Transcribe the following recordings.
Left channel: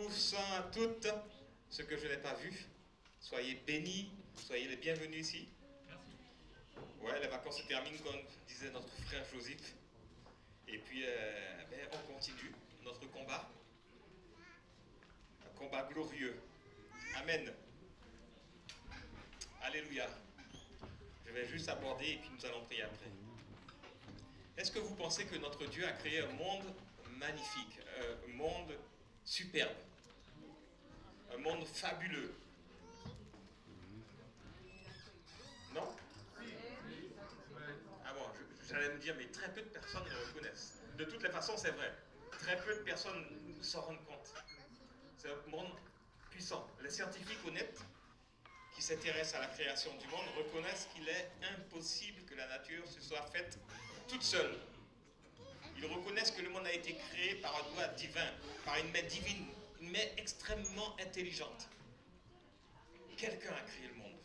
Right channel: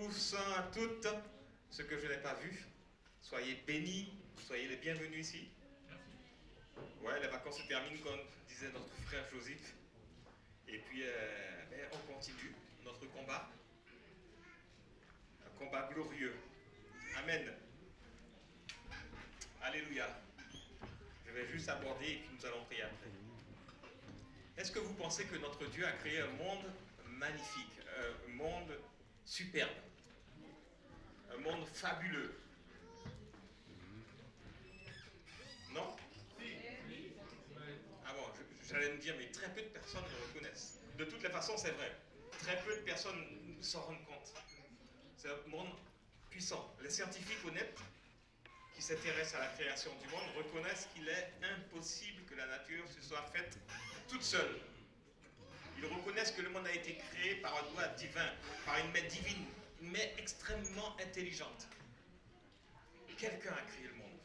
tous, toutes, ceux que je n'ai pas vus. Soyez bénis, soyez les bienvenus ici. Ouais, les vacances se terminent comme disait notre frère Joseph. Et puis, on continue notre combat. Un combat glorieux. Amen. Alléluia. Je vais juste aborder et puis nous allons prier après. Est-ce que vous pensez que notre Dieu a créé un monde magnifique, un monde superbe, un monde fabuleux? Non? Ah bon, j'allais me dire, mais très peu de personnes le reconnaissent. De toutes les façons, c'est vrai. Très peu de personnes s'en rendent compte. C'est un monde puissant. Les scientifiques honnêtes qui s'intéressent à la création du monde reconnaissent qu'il est impossible que la nature se soit faite toute seule. Ils reconnaissent que le monde a été créé par un doigt divin, par une main divine, une main extrêmement intelligente. Quelqu'un a créé le monde.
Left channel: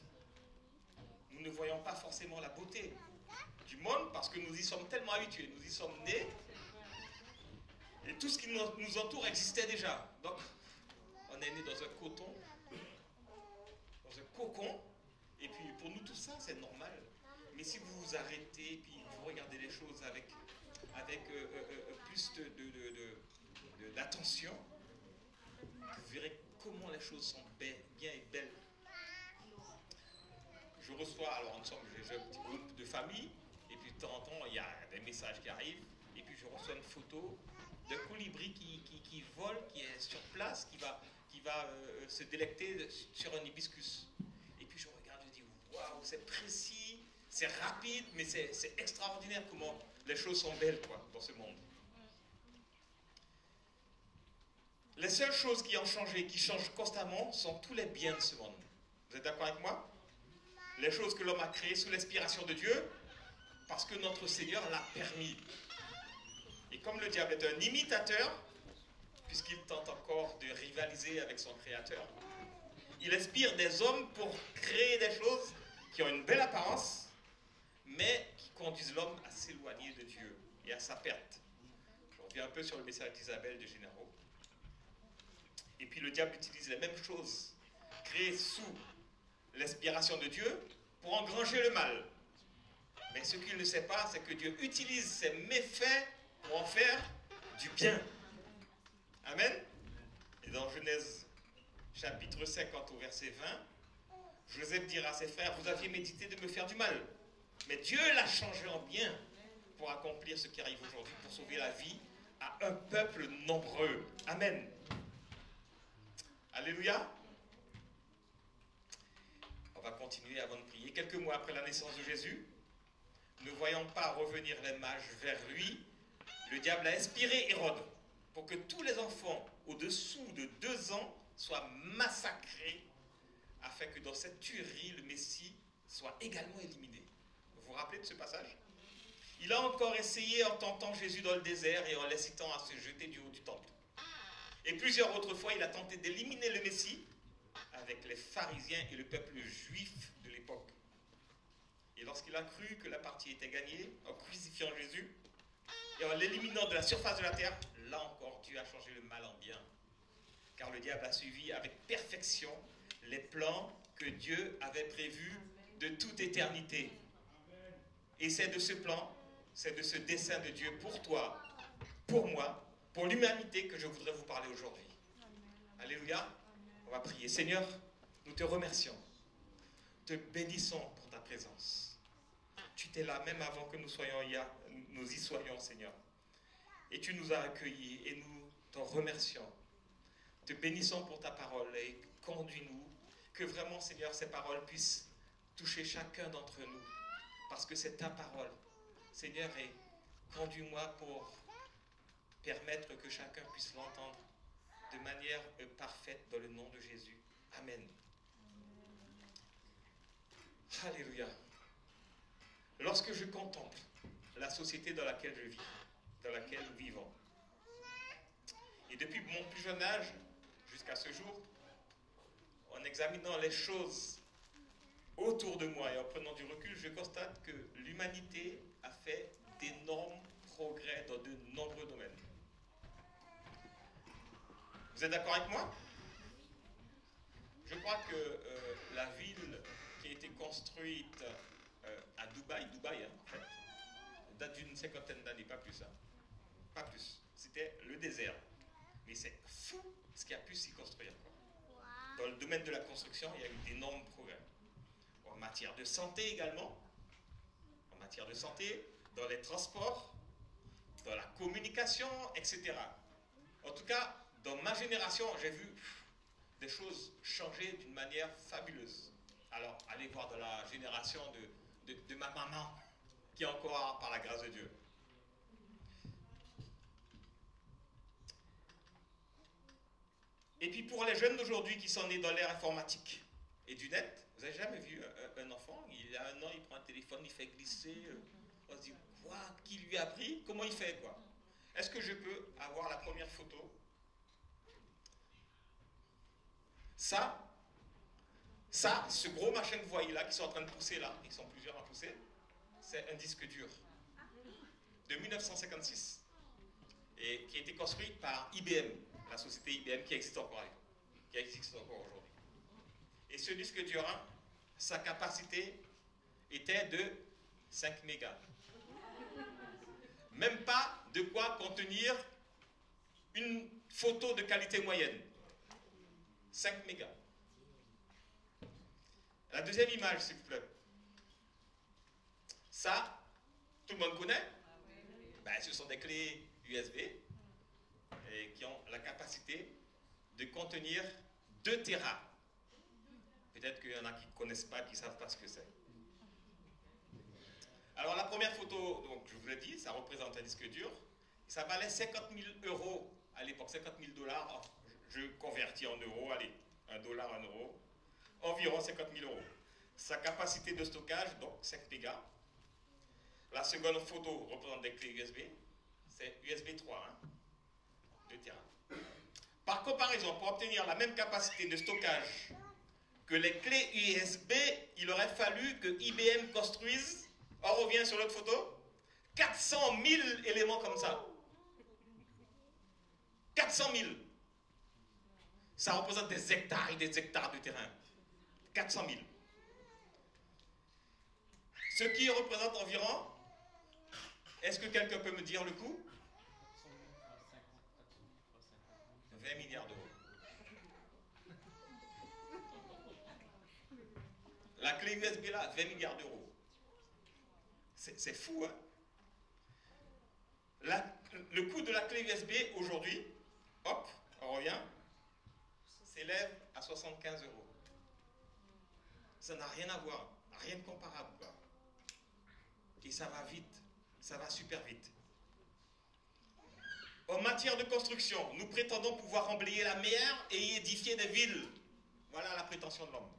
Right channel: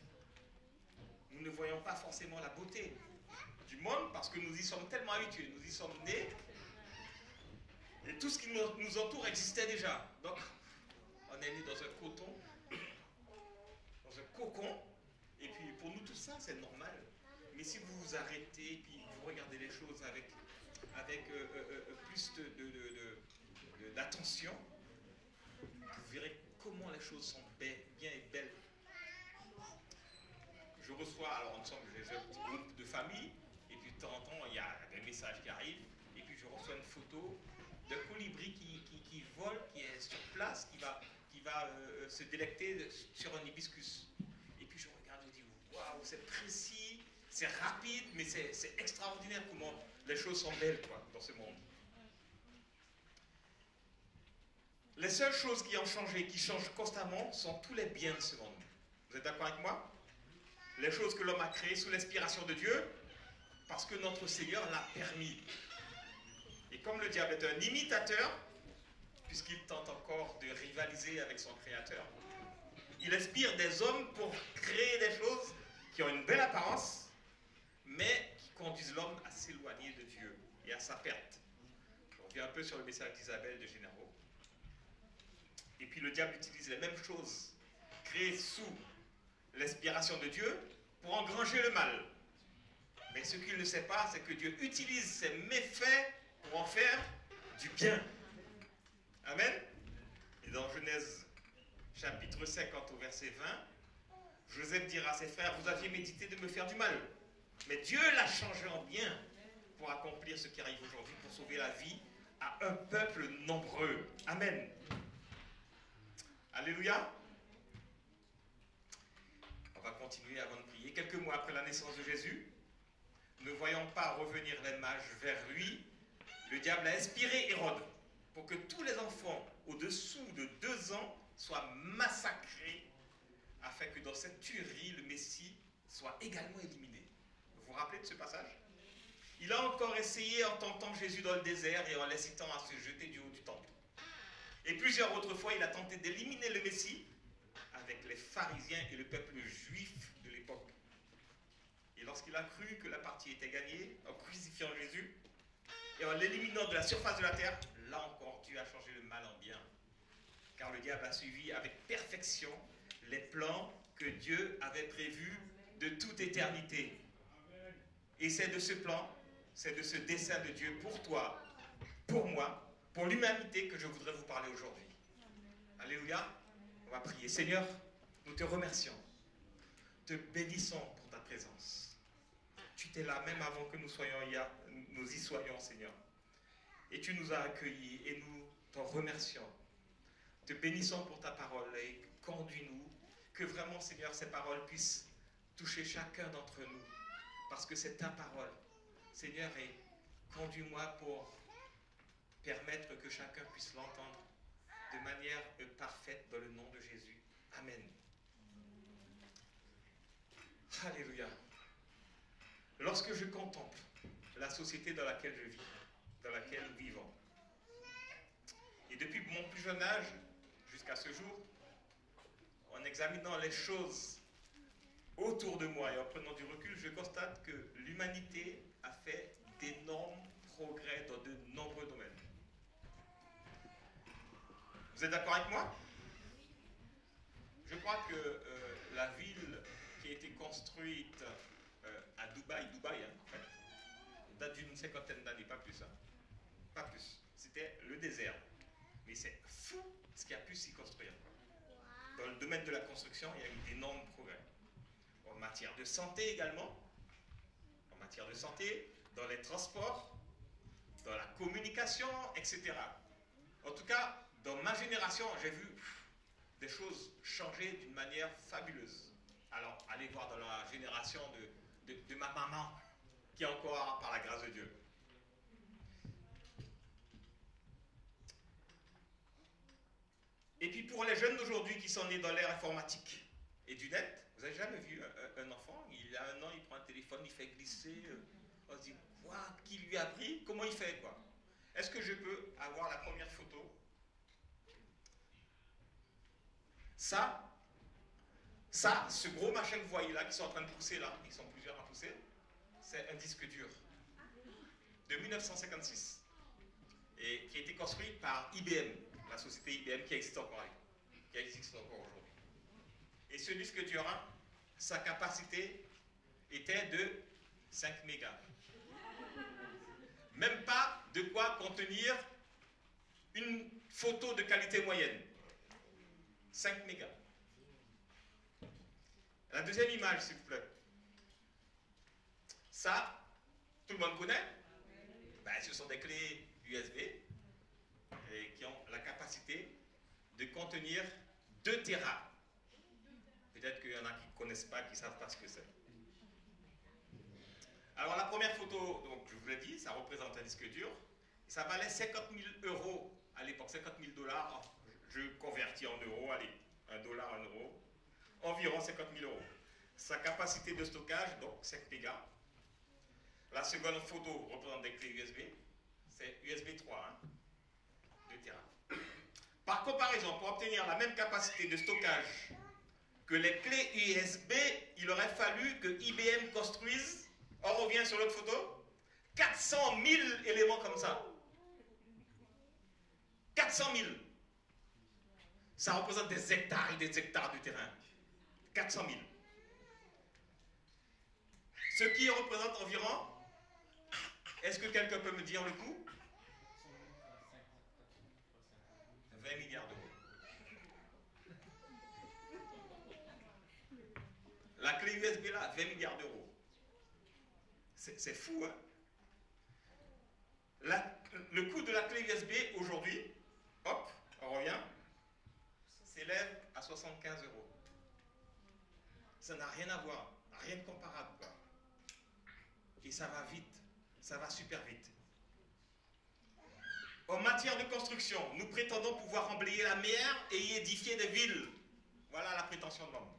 Nous ne voyons pas forcément la beauté du monde parce que nous y sommes tellement habitués, nous y sommes nés et tout ce qui nous entoure existait déjà. Donc, on est né dans un coton, dans un cocon, et puis pour nous tout ça c'est normal. Mais si vous vous arrêtez et puis vous regardez les choses avec plus d'attention, vous verrez comment les choses sont bien et belles. Je reçois, alors ensemble, j'ai un petit groupe de famille, et puis de temps en temps, il y a des messages qui arrivent, et puis je reçois une photo d'un colibri qui vole, qui est sur place, qui va se délecter sur un hibiscus. Et puis je regarde, je dis, waouh, c'est précis, c'est rapide, mais c'est extraordinaire comment les choses sont belles, quoi, dans ce monde. Les seules choses qui ont changé, qui changent constamment, sont tous les biens de ce monde. Vous êtes d'accord avec moi? Les choses que l'homme a créées sous l'inspiration de Dieu, parce que notre Seigneur l'a permis. Et comme le diable est un imitateur, puisqu'il tente encore de rivaliser avec son Créateur, il inspire des hommes pour créer des choses qui ont une belle apparence, mais qui conduisent l'homme à s'éloigner de Dieu et à sa perte. Je reviens un peu sur le message d'Isabelle de Généraux. Et puis le diable utilise les mêmes choses, créées sous l'inspiration de Dieu, pour engranger le mal. Mais ce qu'il ne sait pas, c'est que Dieu utilise ses méfaits pour en faire du bien. Amen. Et dans Genèse chapitre 50 au verset 20, Joseph dira à ses frères, vous aviez médité de me faire du mal, mais Dieu l'a changé en bien pour accomplir ce qui arrive aujourd'hui, pour sauver la vie à un peuple nombreux. Amen. Alléluia. On va continuer avant de prier. Quelques mois après la naissance de Jésus, ne voyant pas revenir les mages vers lui, le diable a inspiré Hérode pour que tous les enfants au-dessous de 2 ans soient massacrés, afin que dans cette tuerie, le Messie soit également éliminé. Vous vous rappelez de ce passage? Il a encore essayé en tentant Jésus dans le désert et en l'incitant à se jeter du haut du temple. Et plusieurs autres fois, il a tenté d'éliminer le Messie avec les pharisiens et le peuple juif de l'époque. Et lorsqu'il a cru que la partie était gagnée, en crucifiant Jésus et en l'éliminant de la surface de la terre, là encore, Dieu a changé le mal en bien. Car le diable a suivi avec perfection les plans que Dieu avait prévus de toute éternité. Et c'est de ce plan, c'est de ce dessein de Dieu pour toi, pour moi, pour l'humanité que je voudrais vous parler aujourd'hui. Alléluia. On va prier. Seigneur, nous te remercions. Te bénissons pour ta présence. Tu étais là même avant que nous y soyons, Seigneur. Et tu nous as accueillis et nous t'en remercions. Te bénissons pour ta parole et conduis-nous. Que vraiment, Seigneur, ces paroles puissent toucher chacun d'entre nous. Parce que c'est ta parole. Seigneur, et conduis-moi pour permettre que chacun puisse l'entendre de manière parfaite dans le nom de Jésus. Amen. Alléluia. Lorsque je contemple la société dans laquelle je vis, dans laquelle nous vivons, et depuis mon plus jeune âge jusqu'à ce jour, en examinant les choses autour de moi et en prenant du recul, je constate que l'humanité a fait d'énormes progrès dans de nombreux domaines. Vous êtes d'accord avec moi? Je crois que la ville qui a été construite à Dubaï, hein, en fait, date d'une cinquantaine d'années, pas plus. Hein. Pas plus. C'était le désert. Mais c'est fou ce qui a pu s'y construire. Dans le domaine de la construction, il y a eu d'énormes progrès. En matière de santé également, en matière de santé, dans les transports, dans la communication, etc. En tout cas, dans ma génération, j'ai vu des choses changer d'une manière fabuleuse. Alors, allez voir dans la génération de ma maman, qui est encore par la grâce de Dieu. Et puis pour les jeunes d'aujourd'hui qui sont nés dans l'ère informatique et du net, vous n'avez jamais vu un enfant, il a 1 an, il prend un téléphone, il fait glisser, on se dit, quoi, qui lui a appris? Comment il fait, quoi? Est-ce que je peux avoir la première photo? Ça, ce gros machin que vous voyez là, qui sont en train de pousser là, ils sont plusieurs à pousser, c'est un disque dur de 1956 et qui a été construit par IBM, la société IBM qui existe encore aujourd'hui. Et ce disque dur, hein, sa capacité était de 5 mégas. Même pas de quoi contenir une photo de qualité moyenne. 5 mégas. La deuxième image, s'il vous plaît. Ça, tout le monde connaît. Ben, ce sont des clés USB et qui ont la capacité de contenir 2 Tera. Peut-être qu'il y en a qui ne connaissent pas, qui ne savent pas ce que c'est. Alors la première photo, donc, je vous l'ai dit, ça représente un disque dur. Ça valait 50 000 € à l'époque, 50 000 $. Je convertis en euros, allez, $1, €, environ 50 000 €. Sa capacité de stockage, donc 5 mégas. La seconde photo représente des clés USB. C'est USB 3, hein, 2 Tera. Par comparaison, pour obtenir la même capacité de stockage que les clés USB, il aurait fallu que IBM construise, on revient sur l'autre photo, 400 000 éléments comme ça. 400 000. Ça représente des hectares et des hectares de terrain. 400 000. Ce qui représente environ, est-ce que quelqu'un peut me dire le coût? 20 milliards d'euros. La clé USB là, 20 milliards d'euros. C'est fou, hein? Le coût de la clé USB aujourd'hui, hop, on revient, s'élève à 75 €. Ça n'a rien à voir, rien de comparable, quoi. Et ça va vite, ça va super vite. En matière de construction, nous prétendons pouvoir emblayer la mer et y édifier des villes. Voilà la prétention de l'homme.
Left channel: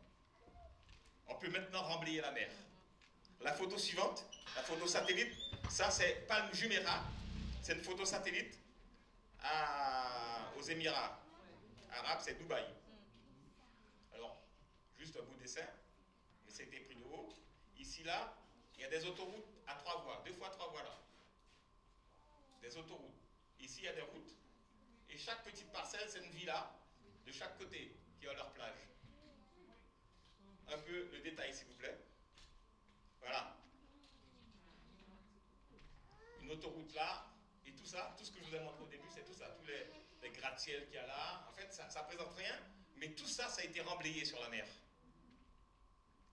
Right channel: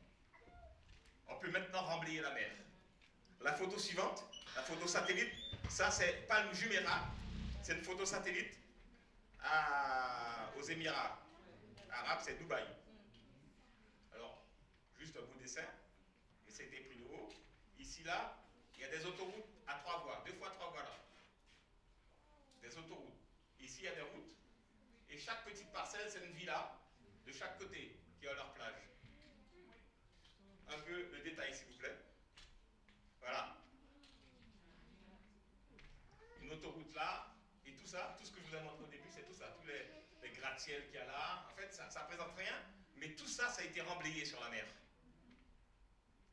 On peut maintenant remblayer la mer. La photo suivante, la photo satellite, ça c'est Palm Jumeirah, c'est une photo satellite aux Émirats arabes, c'est Dubaï. Alors, juste un beau dessin, mais c'était pris de haut. Ici, là, il y a des autoroutes à 3 voies, 2 fois 3 voies là. Des autoroutes. Ici, il y a des routes. Et chaque petite parcelle, c'est une villa de chaque côté qui a leur plage. Un peu le détail, s'il vous plaît. Voilà. Une autoroute là, et tout ça, tout ce que je vous ai montré au début, c'est tout ça. Tous les gratte-ciels qu'il y a là. En fait, ça ne présente rien, mais tout ça, ça a été remblayé sur la mer.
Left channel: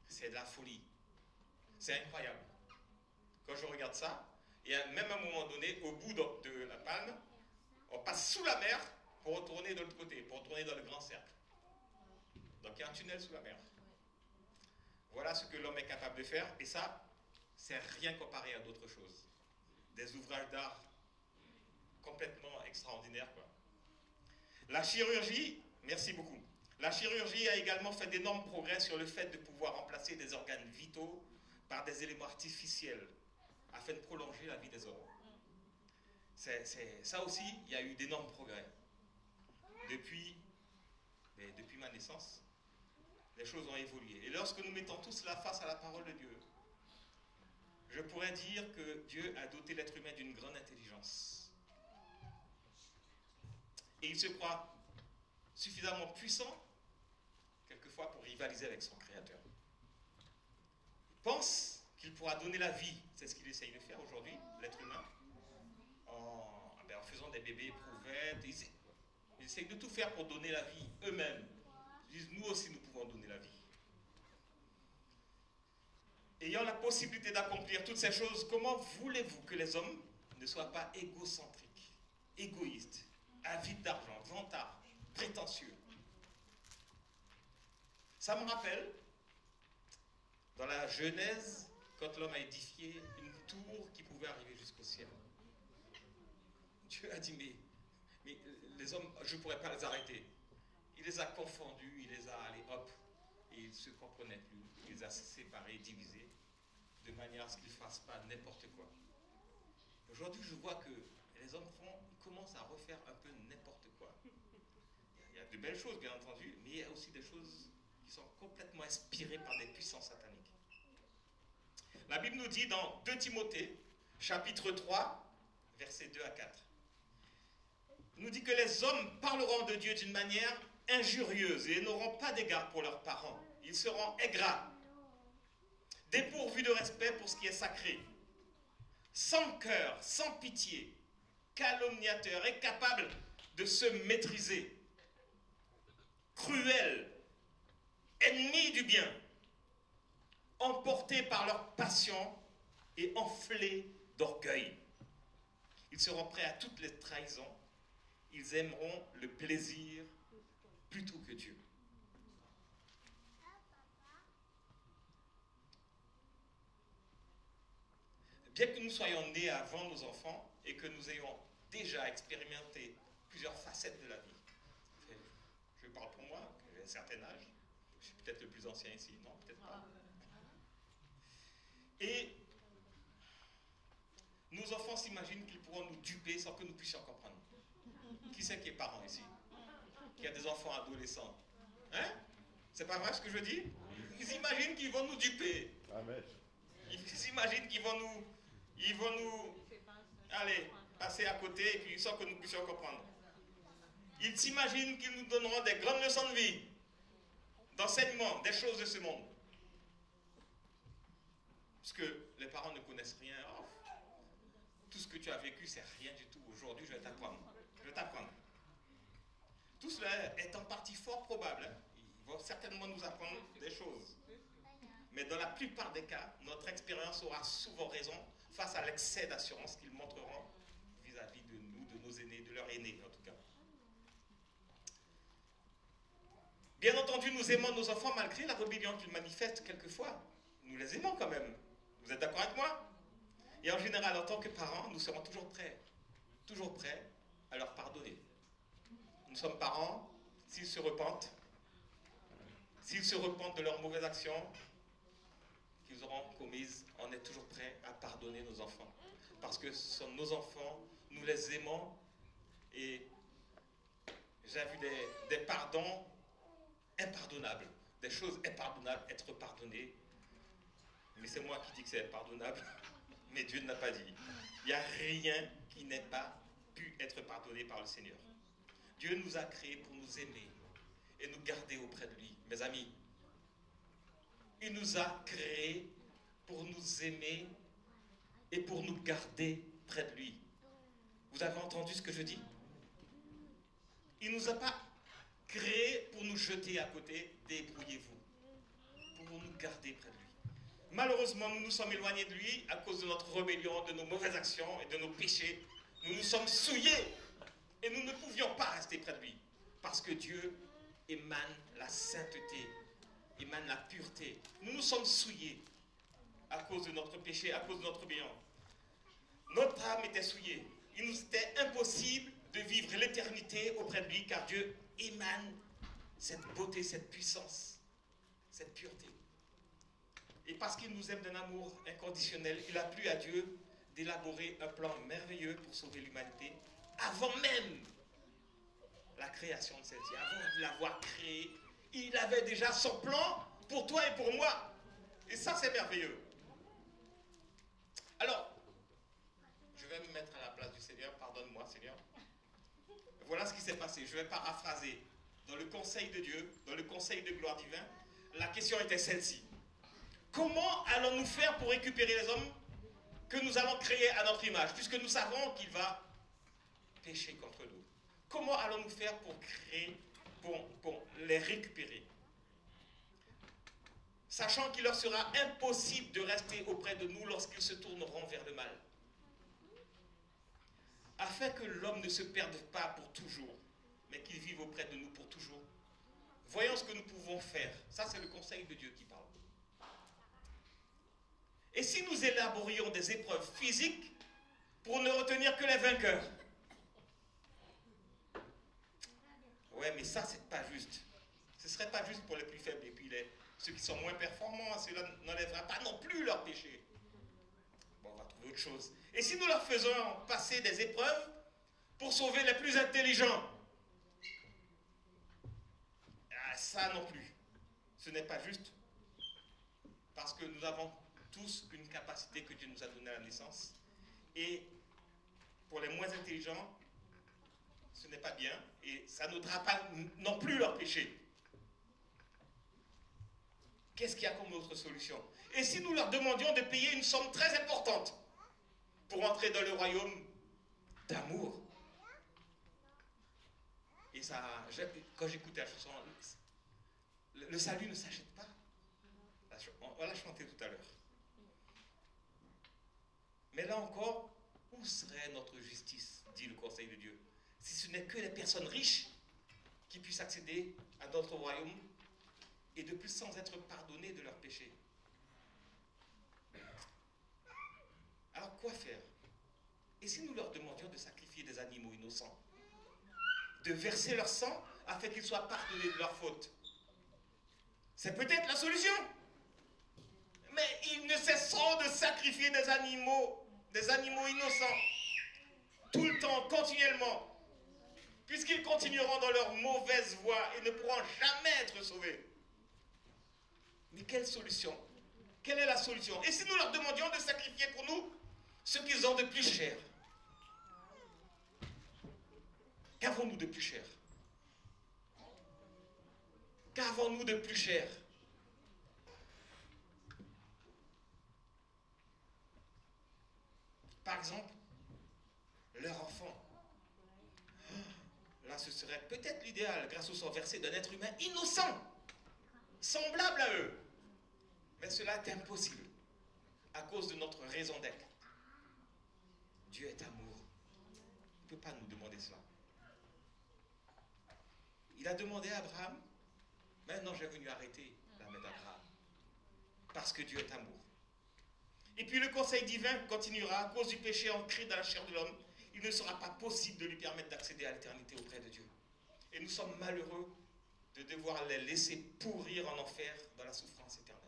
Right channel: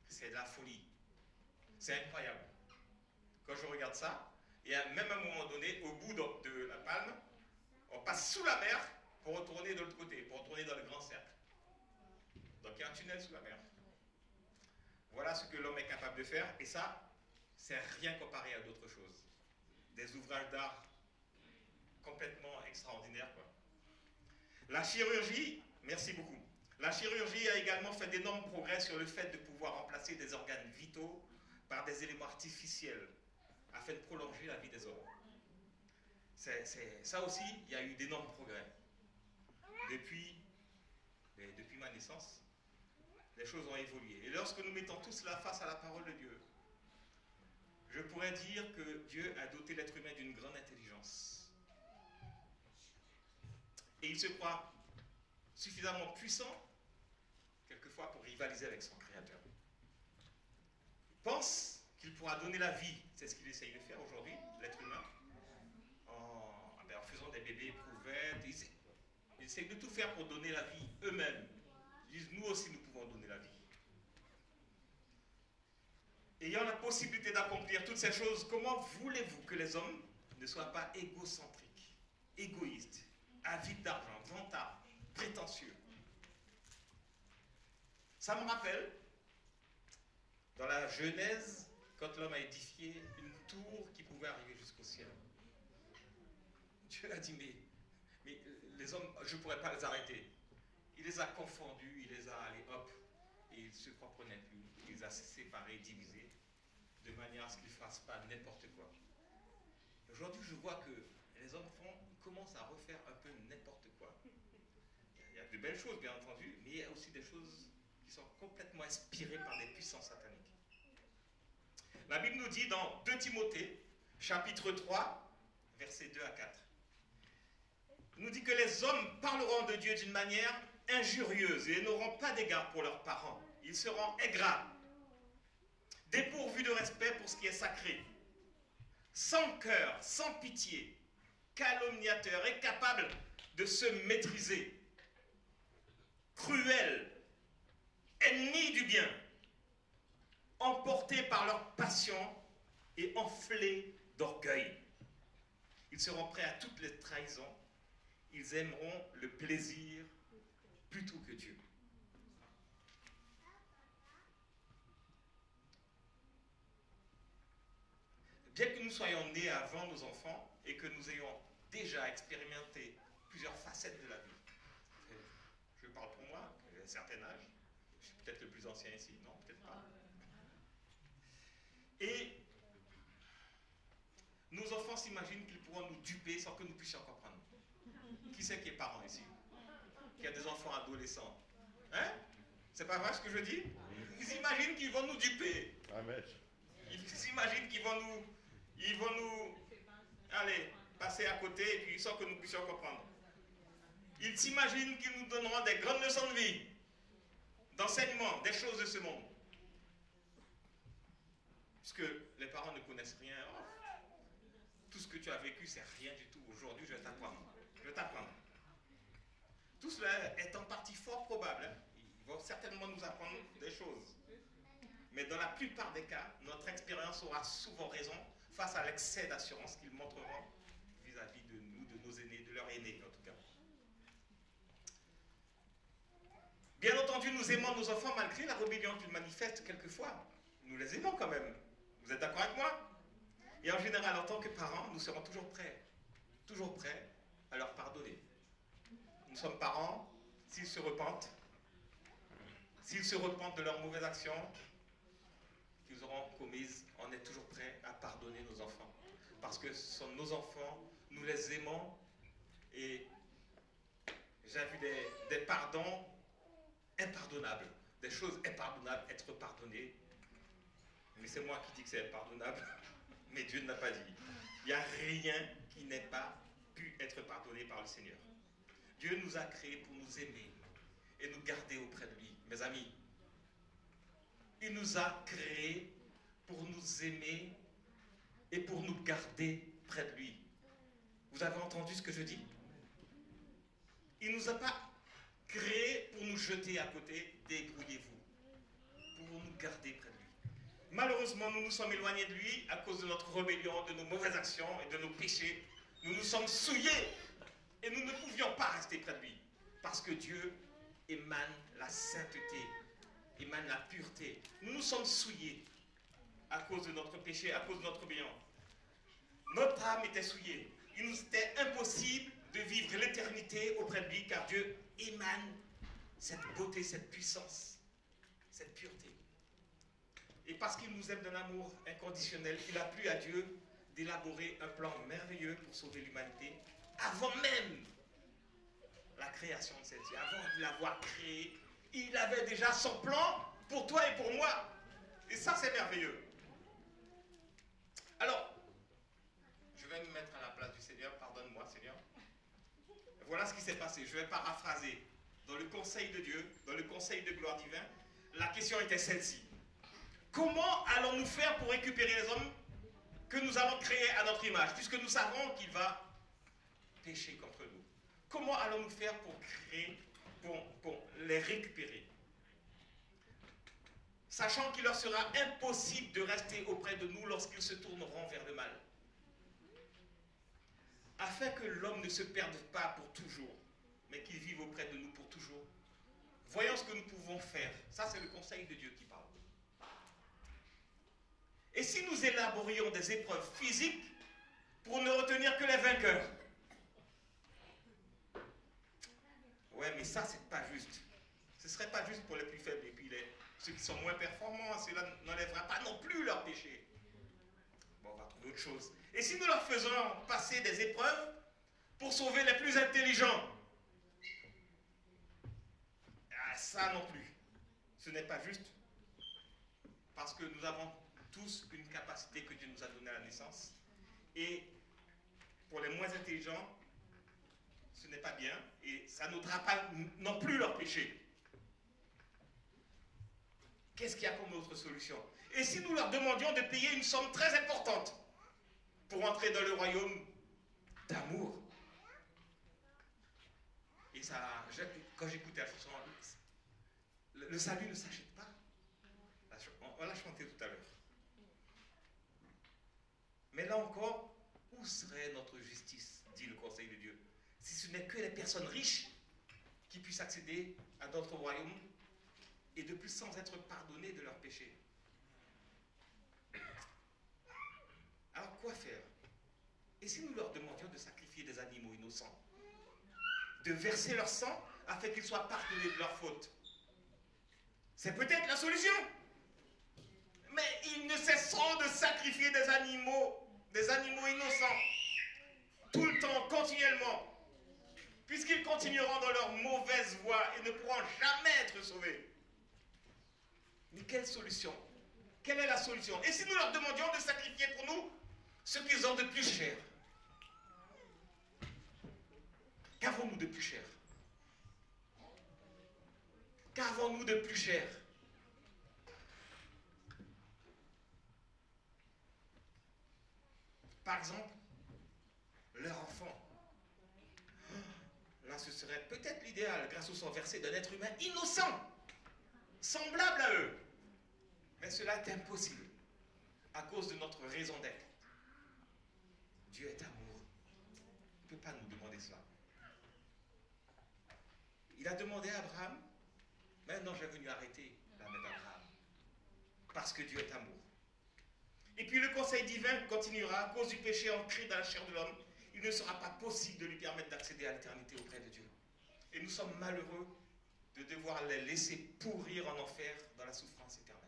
C'est de la folie. C'est incroyable. Quand je regarde ça, et même à un moment donné, au bout de la palme, on passe sous la mer pour retourner de l'autre côté, pour retourner dans le grand cercle. Donc il y a un tunnel sous la mer. Voilà ce que l'homme est capable de faire, et ça, c'est rien comparé à d'autres choses. Des ouvrages d'art complètement extraordinaires, quoi. La chirurgie, merci beaucoup. La chirurgie a également fait d'énormes progrès sur le fait de pouvoir remplacer des organes vitaux par des éléments artificiels afin de prolonger la vie des hommes. Ça aussi, il y a eu d'énormes progrès. Depuis ma naissance, les choses ont évolué. Et lorsque nous mettons tout cela face à la parole de Dieu, je pourrais dire que Dieu a doté l'être humain d'une grande intelligence. Et il se croit suffisamment puissant, quelquefois, pour rivaliser avec son Créateur. Il pense qu'il pourra donner la vie, c'est ce qu'il essaye de faire aujourd'hui, l'être humain, en faisant des bébés éprouvettes. Ils essayent de tout faire pour donner la vie eux-mêmes. Ils disent, nous aussi, nous pouvons donner la vie. Ayant la possibilité d'accomplir toutes ces choses, comment voulez-vous que les hommes ne soient pas égocentriques, égoïstes, avides d'argent, vantards, prétentieux? Ça me rappelle, dans la Genèse, quand l'homme a édifié une tour qui pouvait arriver jusqu'au ciel. Dieu a dit, mais les hommes, je ne pourrais pas les arrêter. Il les a confondus, il les a, allez hop, et ils ne se comprenaient plus. Il les a séparés, divisés, de manière à ce qu'ils ne fassent pas n'importe quoi. Aujourd'hui, je vois que les hommes ils commencent à refaire un peu n'importe quoi. Il y a de belles choses, bien entendu, mais il y a aussi des choses qui sont complètement inspirées par des puissances sataniques. La Bible nous dit dans 2 Timothée, chapitre 3, versets 2 à 4, nous dit que les hommes parleront de Dieu d'une manière injurieuse et n'auront pas d'égard pour leurs parents. Ils seront ingrats, dépourvus de respect pour ce qui est sacré, sans cœur, sans pitié, calomniateurs, incapables de se maîtriser, cruels, ennemis du bien, emportés par leur passion et enflés d'orgueil. Ils seront prêts à toutes les trahisons. Ils aimeront le plaisir plutôt que Dieu. Bien que nous soyons nés avant nos enfants et que nous ayons déjà expérimenté plusieurs facettes de la vie, je parle pour moi, j'ai un certain âge, je suis peut-être le plus ancien ici, non, peut-être pas. Et nos enfants s'imaginent qu'ils pourront nous duper sans que nous puissions comprendre. Qui c'est qui est parent ici? Qui a des enfants adolescents? Hein? C'est pas vrai ce que je dis? Ils imaginent qu'ils vont nous duper. Ils s'imaginent qu'ils vont nous, allez, passer à côté et puis sans que nous puissions comprendre. Ils s'imaginent qu'ils nous donneront des grandes leçons de vie, d'enseignement, des choses de ce monde. Parce que les parents ne connaissent rien. Oh, tout ce que tu as vécu, c'est rien du tout. Aujourd'hui, je vais t'apprendre. Je vais t'apprendre. Tout cela est en partie fort probable. Hein. Ils vont certainement nous apprendre des choses. Mais dans la plupart des cas, notre expérience aura souvent raison face à l'excès d'assurance qu'ils montreront vis-à-vis de nous, de nos aînés, de leurs aînés en tout cas. Bien entendu, nous aimons nos enfants malgré la rébellion qu'ils manifestent quelquefois. Nous les aimons quand même. Vous êtes d'accord avec moi? Et en général, en tant que parents, nous serons toujours prêts à leur pardonner. Nous sommes parents, s'ils se repentent de leurs mauvaises actions qu'ils auront commises, on est toujours prêts à pardonner nos enfants. Parce que ce sont nos enfants, nous les aimons, et j'ai vu des pardons impardonnables, des choses impardonnables être pardonnées. Mais c'est moi qui dis que c'est impardonnable, mais Dieu ne l'a pas dit. Il n'y a rien qui n'ait pas pu être pardonné par le Seigneur. Dieu nous a créés pour nous aimer et nous garder auprès de lui. Mes amis, il nous a créés pour nous aimer et pour nous garder près de lui. Vous avez entendu ce que je dis? Il ne nous a pas créés pour nous jeter à côté, débrouillez-vous, pour nous garder près de lui. Malheureusement, nous nous sommes éloignés de lui à cause de notre rébellion, de nos mauvaises actions et de nos péchés. Nous nous sommes souillés et nous ne pouvions pas rester près de lui. Parce que Dieu émane la sainteté, émane la pureté. Nous nous sommes souillés à cause de notre péché, à cause de notre rébellion. Notre âme était souillée. Il nous était impossible de vivre l'éternité auprès de lui car Dieu émane cette beauté, cette puissance, cette pureté. Et parce qu'il nous aime d'un amour inconditionnel, il a plu à Dieu d'élaborer un plan merveilleux pour sauver l'humanité avant même la création de celle-ci, avant de l'avoir créée. Il avait déjà son plan pour toi et pour moi. Et ça, c'est merveilleux. Alors, je vais me mettre à la place du Seigneur. Pardonne-moi, Seigneur. Voilà ce qui s'est passé. Je vais paraphraser. dans le conseil de Dieu, dans le conseil de gloire divin, la question était celle-ci. Comment allons-nous faire pour récupérer les hommes que nous allons créer à notre image, puisque nous savons qu'il va pécher contre nous? Comment allons-nous faire pour créer, pour les récupérer? Sachant qu'il leur sera impossible de rester auprès de nous lorsqu'ils se tourneront vers le mal. Afin que l'homme ne se perde pas pour toujours, mais qu'il vive auprès de nous pour toujours. Voyons ce que nous pouvons faire. Ça, c'est le conseil de Dieu qui parle. Et si nous élaborions des épreuves physiques pour ne retenir que les vainqueurs? Ouais, mais ça, c'est pas juste. Ce serait pas juste pour les plus faibles. Et puis ceux qui sont moins performants, cela n'enlèvera pas non plus leur péché. Bon, on va trouver autre chose. Et si nous leur faisons passer des épreuves pour sauver les plus intelligents? Ah, ça non plus. Ce n'est pas juste. Parce que nous avons tous une capacité que Dieu nous a donnée à la naissance. Et pour les moins intelligents, ce n'est pas bien. Et ça n'aidera pas non plus leur péché. Qu'est-ce qu'il y a comme autre solution? Et si nous leur demandions de payer une somme très importante pour entrer dans le royaume d'amour? Et ça, quand j'écoutais la chanson, le salut ne s'achète pas. On l'a chanté tout à l'heure. Mais là encore, où serait notre justice, dit le conseil de Dieu, si ce n'est que les personnes riches qui puissent accéder à notre royaume et de plus sans être pardonnés de leurs péchés? Alors quoi faire? Et si nous leur demandions de sacrifier des animaux innocents, de verser leur sang afin qu'ils soient pardonnés de leurs fautes? C'est peut-être la solution. Mais ils ne cesseront de sacrifier des animaux innocents, tout le temps, continuellement, puisqu'ils continueront dans leur mauvaise voie et ne pourront jamais être sauvés. Mais quelle solution? Quelle est la solution? Et si nous leur demandions de sacrifier pour nous ce qu'ils ont de plus cher? Qu'avons-nous de plus cher? Qu'avons-nous de plus cher? Par exemple, leur enfant. Là, ce serait peut-être l'idéal, grâce au sang versé d'un être humain innocent, semblable à eux. Mais cela est impossible, à cause de notre raison d'être. Dieu est amour. Il ne peut pas nous demander cela. Il a demandé à Abraham, maintenant j'ai venu arrêter la main d'Abraham, parce que Dieu est amour. Et puis le conseil divin continuera, à cause du péché ancré dans la chair de l'homme, il ne sera pas possible de lui permettre d'accéder à l'éternité auprès de Dieu. Et nous sommes malheureux de devoir les laisser pourrir en enfer dans la souffrance éternelle.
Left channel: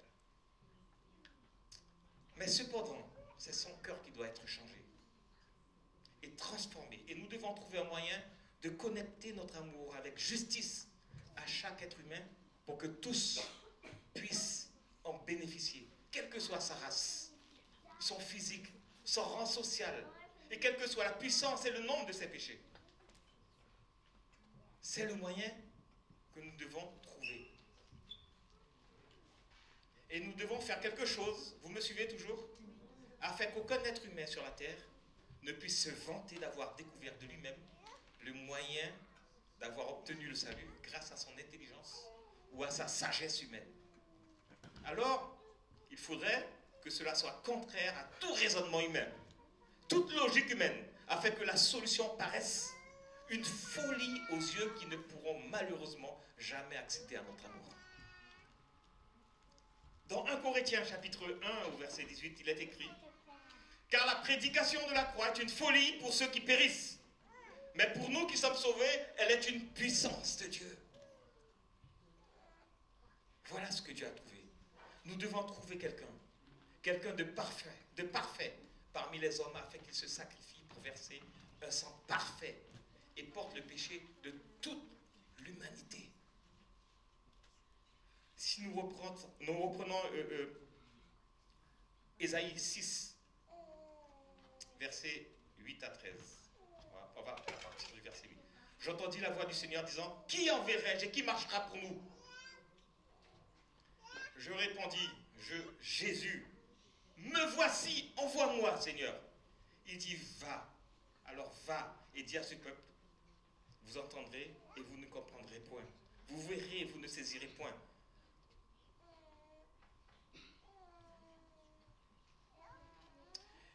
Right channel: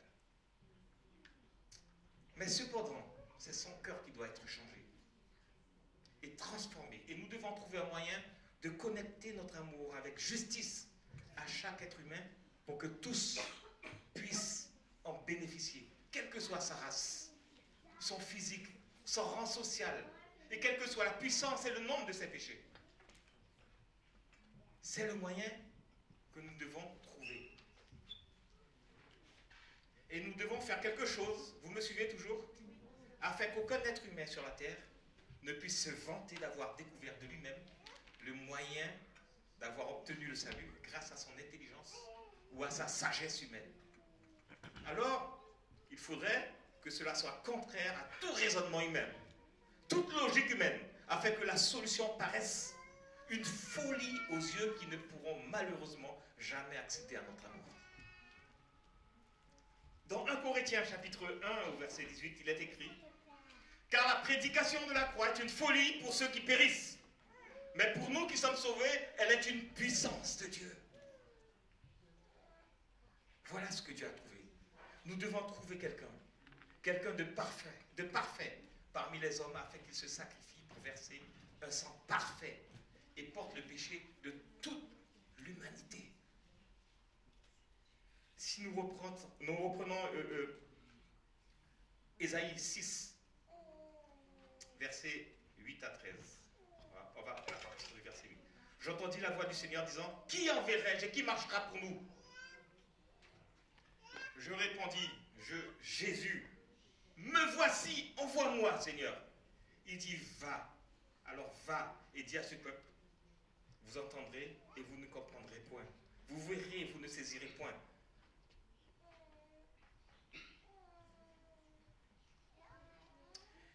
Mais cependant, c'est son cœur qui doit être changé et transformé. Et nous devons trouver un moyen de connecter notre amour avec justice à chaque être humain pour que tous puissent en bénéficier, quelle que soit sa race, son physique, son rang social, et quelle que soit la puissance et le nombre de ses péchés. C'est le moyen que nous devons trouver. Et nous devons faire quelque chose, vous me suivez toujours, afin qu'aucun être humain sur la terre ne puisse se vanter d'avoir découvert de lui-même le moyen d'avoir obtenu le salut grâce à son intelligence ou à sa sagesse humaine. Alors, il faudrait que cela soit contraire à tout raisonnement humain, toute logique humaine, afin que la solution paraisse une folie aux yeux qui ne pourront malheureusement jamais accéder à notre amour. Dans 1 Corinthiens chapitre 1 au verset 18, il est écrit: car la prédication de la croix est une folie pour ceux qui périssent, mais pour nous qui sommes sauvés, elle est une puissance de Dieu. Voilà ce que Dieu a trouvé. Nous devons trouver quelqu'un de parfait parmi les hommes, afin qu'il se sacrifie pour verser un sang parfait et porte le péché de toute l'humanité. Si nous reprenons Ésaïe 6, versets 8 à 13. On va partir du verset 8. j'entendis la voix du Seigneur disant, qui enverrai-je et qui marchera pour nous? Je répondis, Jésus, me voici, envoie-moi, Seigneur. Il dit, va. Alors va et dis à ce peuple, vous entendrez et vous ne comprendrez point. Vous verrez et vous ne saisirez point.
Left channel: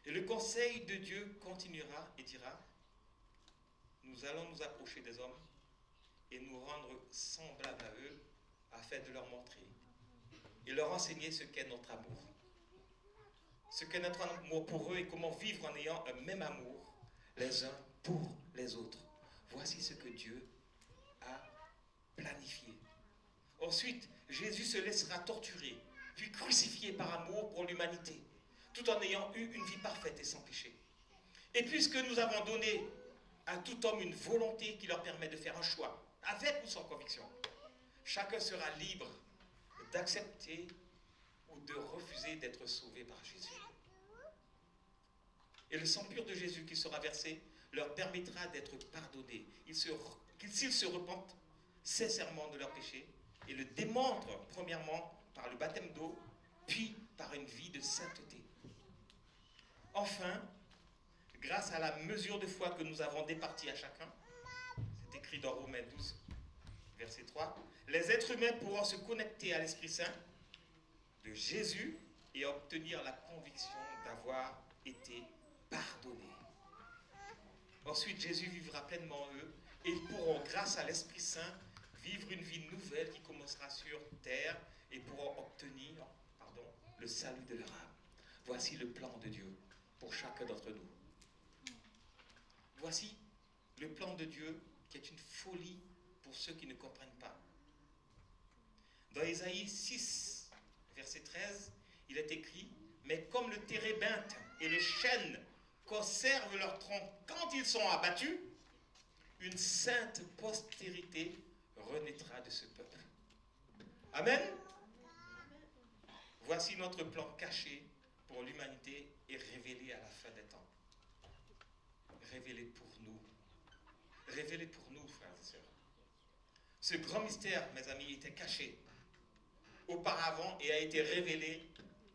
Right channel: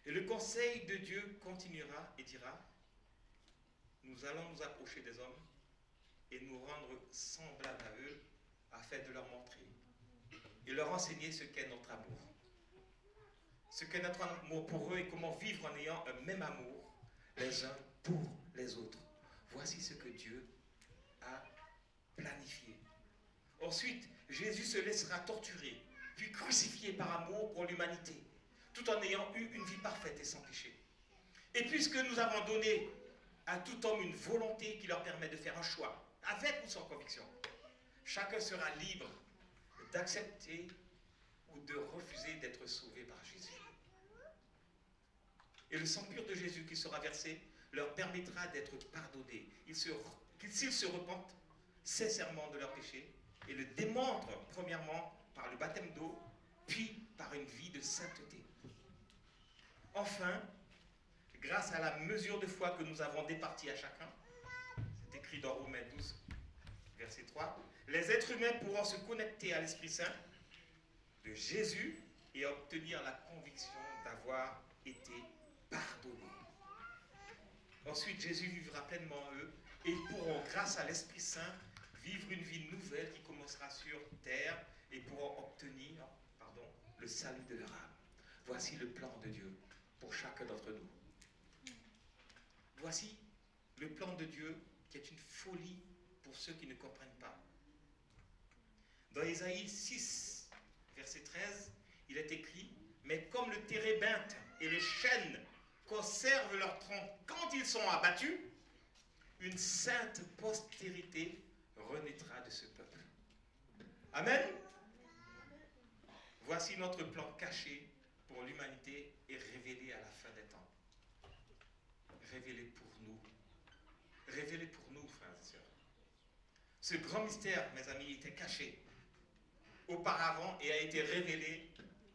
Et le conseil de Dieu continuera et dira, nous allons nous approcher des hommes et nous rendre semblables à eux afin de leur montrer et leur enseigner ce qu'est notre amour. Ce qu'est notre amour pour eux et comment vivre en ayant un même amour les uns pour les autres. Voici ce que Dieu a planifié. Ensuite, Jésus se laissera torturer, puis crucifié par amour pour l'humanité, tout en ayant eu une vie parfaite et sans péché. Et puisque nous avons donné à tout homme une volonté qui leur permet de faire un choix, avec ou sans conviction, chacun sera libre d'accepter ou de refuser d'être sauvé par Jésus. Et le sang pur de Jésus qui sera versé leur permettra d'être pardonnés. S'ils se repentent sincèrement de leurs péchés et le démontrent premièrement par le baptême d'eau, puis par une vie de sainteté. Enfin, grâce à la mesure de foi que nous avons départie à chacun, c'est écrit dans Romains 12, verset 3, les êtres humains pourront se connecter à l'Esprit Saint de Jésus et obtenir la conviction d'avoir été pardonnés. Ensuite, Jésus vivra pleinement en eux et ils pourront, grâce à l'Esprit Saint, vivre une vie nouvelle qui commencera sur terre et pourront obtenir le salut de leur âme. Voici le plan de Dieu pour chacun d'entre nous. Voici le plan de Dieu qui est une folie pour ceux qui ne comprennent pas. Dans Ésaïe 6, verset 13, il est écrit, « Mais comme le térébinthe et le chêne conservent leur tronc quand ils sont abattus, une sainte postérité renaîtra de ce peuple. » Amen. Voici notre plan caché pour l'humanité et révélé à la fin des temps. Révélé pour nous. Révélé pour nous, frères et sœurs. Ce grand mystère, mes amis, était caché auparavant et a été révélé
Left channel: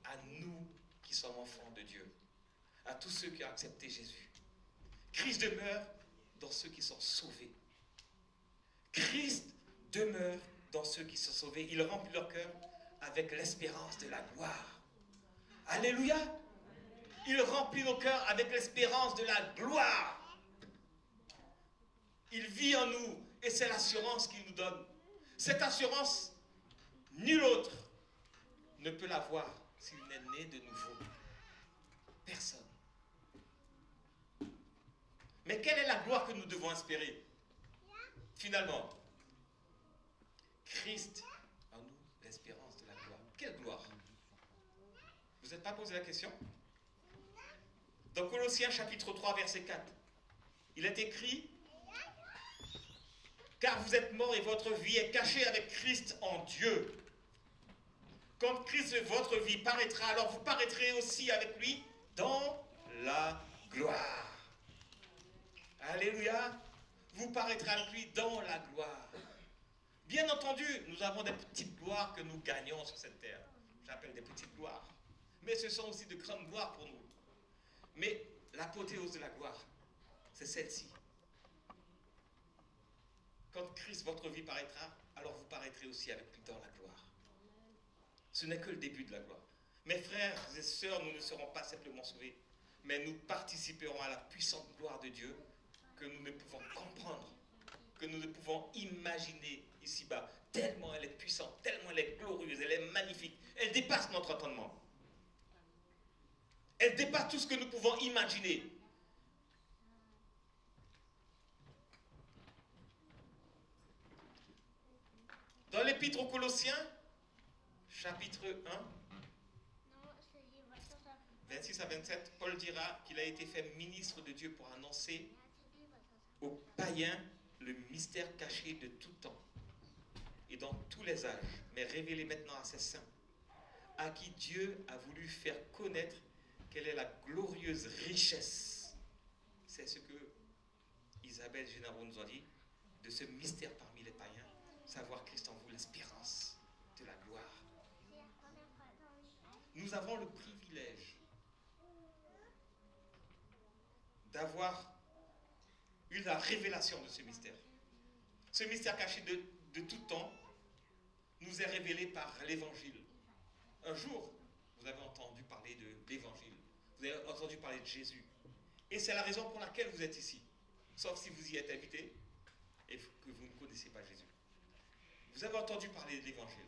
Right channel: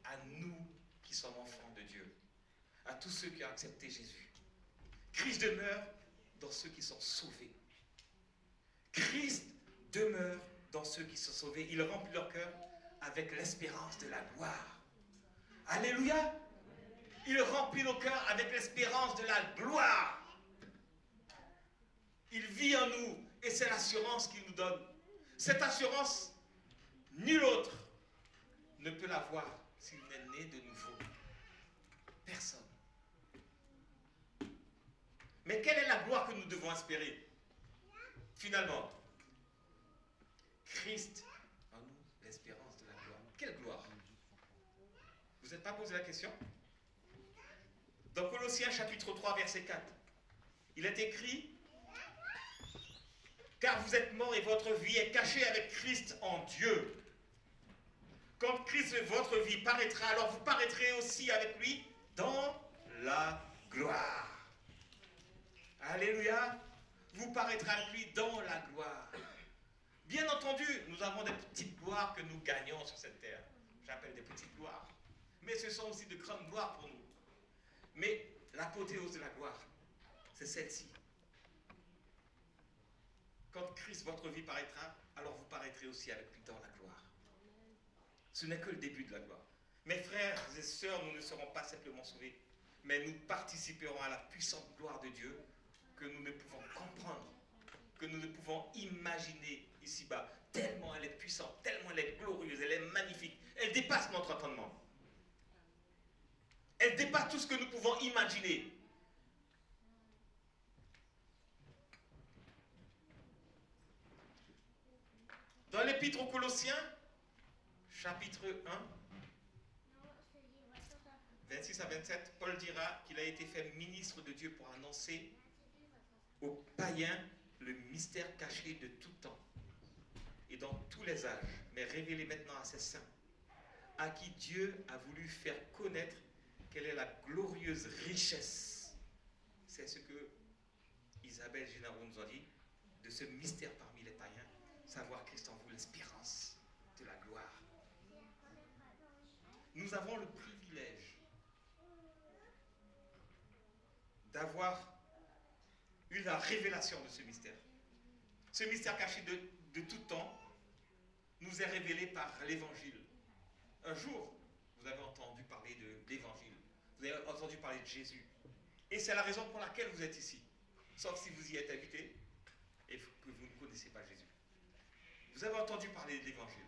à nous qui sommes enfants de Dieu, à tous ceux qui ont accepté Jésus. Christ demeure dans ceux qui sont sauvés. Christ demeure dans ceux qui sont sauvés. Il remplit leur cœur avec l'espérance de la gloire. Alléluia! Il remplit nos cœurs avec l'espérance de la gloire. Il vit en nous et c'est l'assurance qu'il nous donne. Cette assurance, nul autre ne peut l'avoir s'il n'est né de nouveau. Personne. Mais quelle est la gloire que nous devons espérer? Finalement, Christ en nous, l'espérance de la gloire. Quelle gloire? Vous n'êtes pas posé la question? Dans Colossiens chapitre 3, verset 4, il est écrit, « Car vous êtes morts et votre vie est cachée avec Christ en Dieu. Quand Christ, votre vie, paraîtra, alors vous paraîtrez aussi avec lui dans la gloire. » Alléluia. Vous paraîtrez avec lui dans la gloire. Bien entendu, nous avons des petites gloires que nous gagnons sur cette terre. J'appelle des petites gloires. Mais ce sont aussi de grandes gloires pour nous. Mais l'apothéose de la gloire, c'est celle-ci. Quand Christ, votre vie, paraîtra, alors vous paraîtrez aussi avec lui dans la gloire. Ce n'est que le début de la gloire. Mes frères et sœurs, nous ne serons pas simplement sauvés, mais nous participerons à la puissante gloire de Dieu que nous ne pouvons comprendre, que nous ne pouvons imaginer ici-bas. Tellement elle est puissante, tellement elle est glorieuse, elle est magnifique. Elle dépasse notre entendement. Elle dépasse tout ce que nous pouvons imaginer. Dans l'Épître aux Colossiens, chapitre 1, 26 à 27, Paul dira qu'il a été fait ministre de Dieu pour annoncer aux païens le mystère caché de tout temps et dans tous les âges, mais révélé maintenant à ses saints, à qui Dieu a voulu faire connaître quelle est la glorieuse richesse. C'est ce que Isabelle Génaro nous a dit, de ce mystère parmi les païens, savoir Christ en vous, l'espérance de la gloire. Nous avons le privilège d'avoir eu la révélation de ce mystère. Ce mystère caché de tout temps nous est révélé par l'Évangile. Un jour, vous avez entendu parler de l'Évangile. Vous avez entendu parler de Jésus. Et c'est la raison pour laquelle vous êtes ici. Sauf si vous y êtes habité et que vous ne connaissez pas Jésus. Vous avez entendu parler de l'Évangile.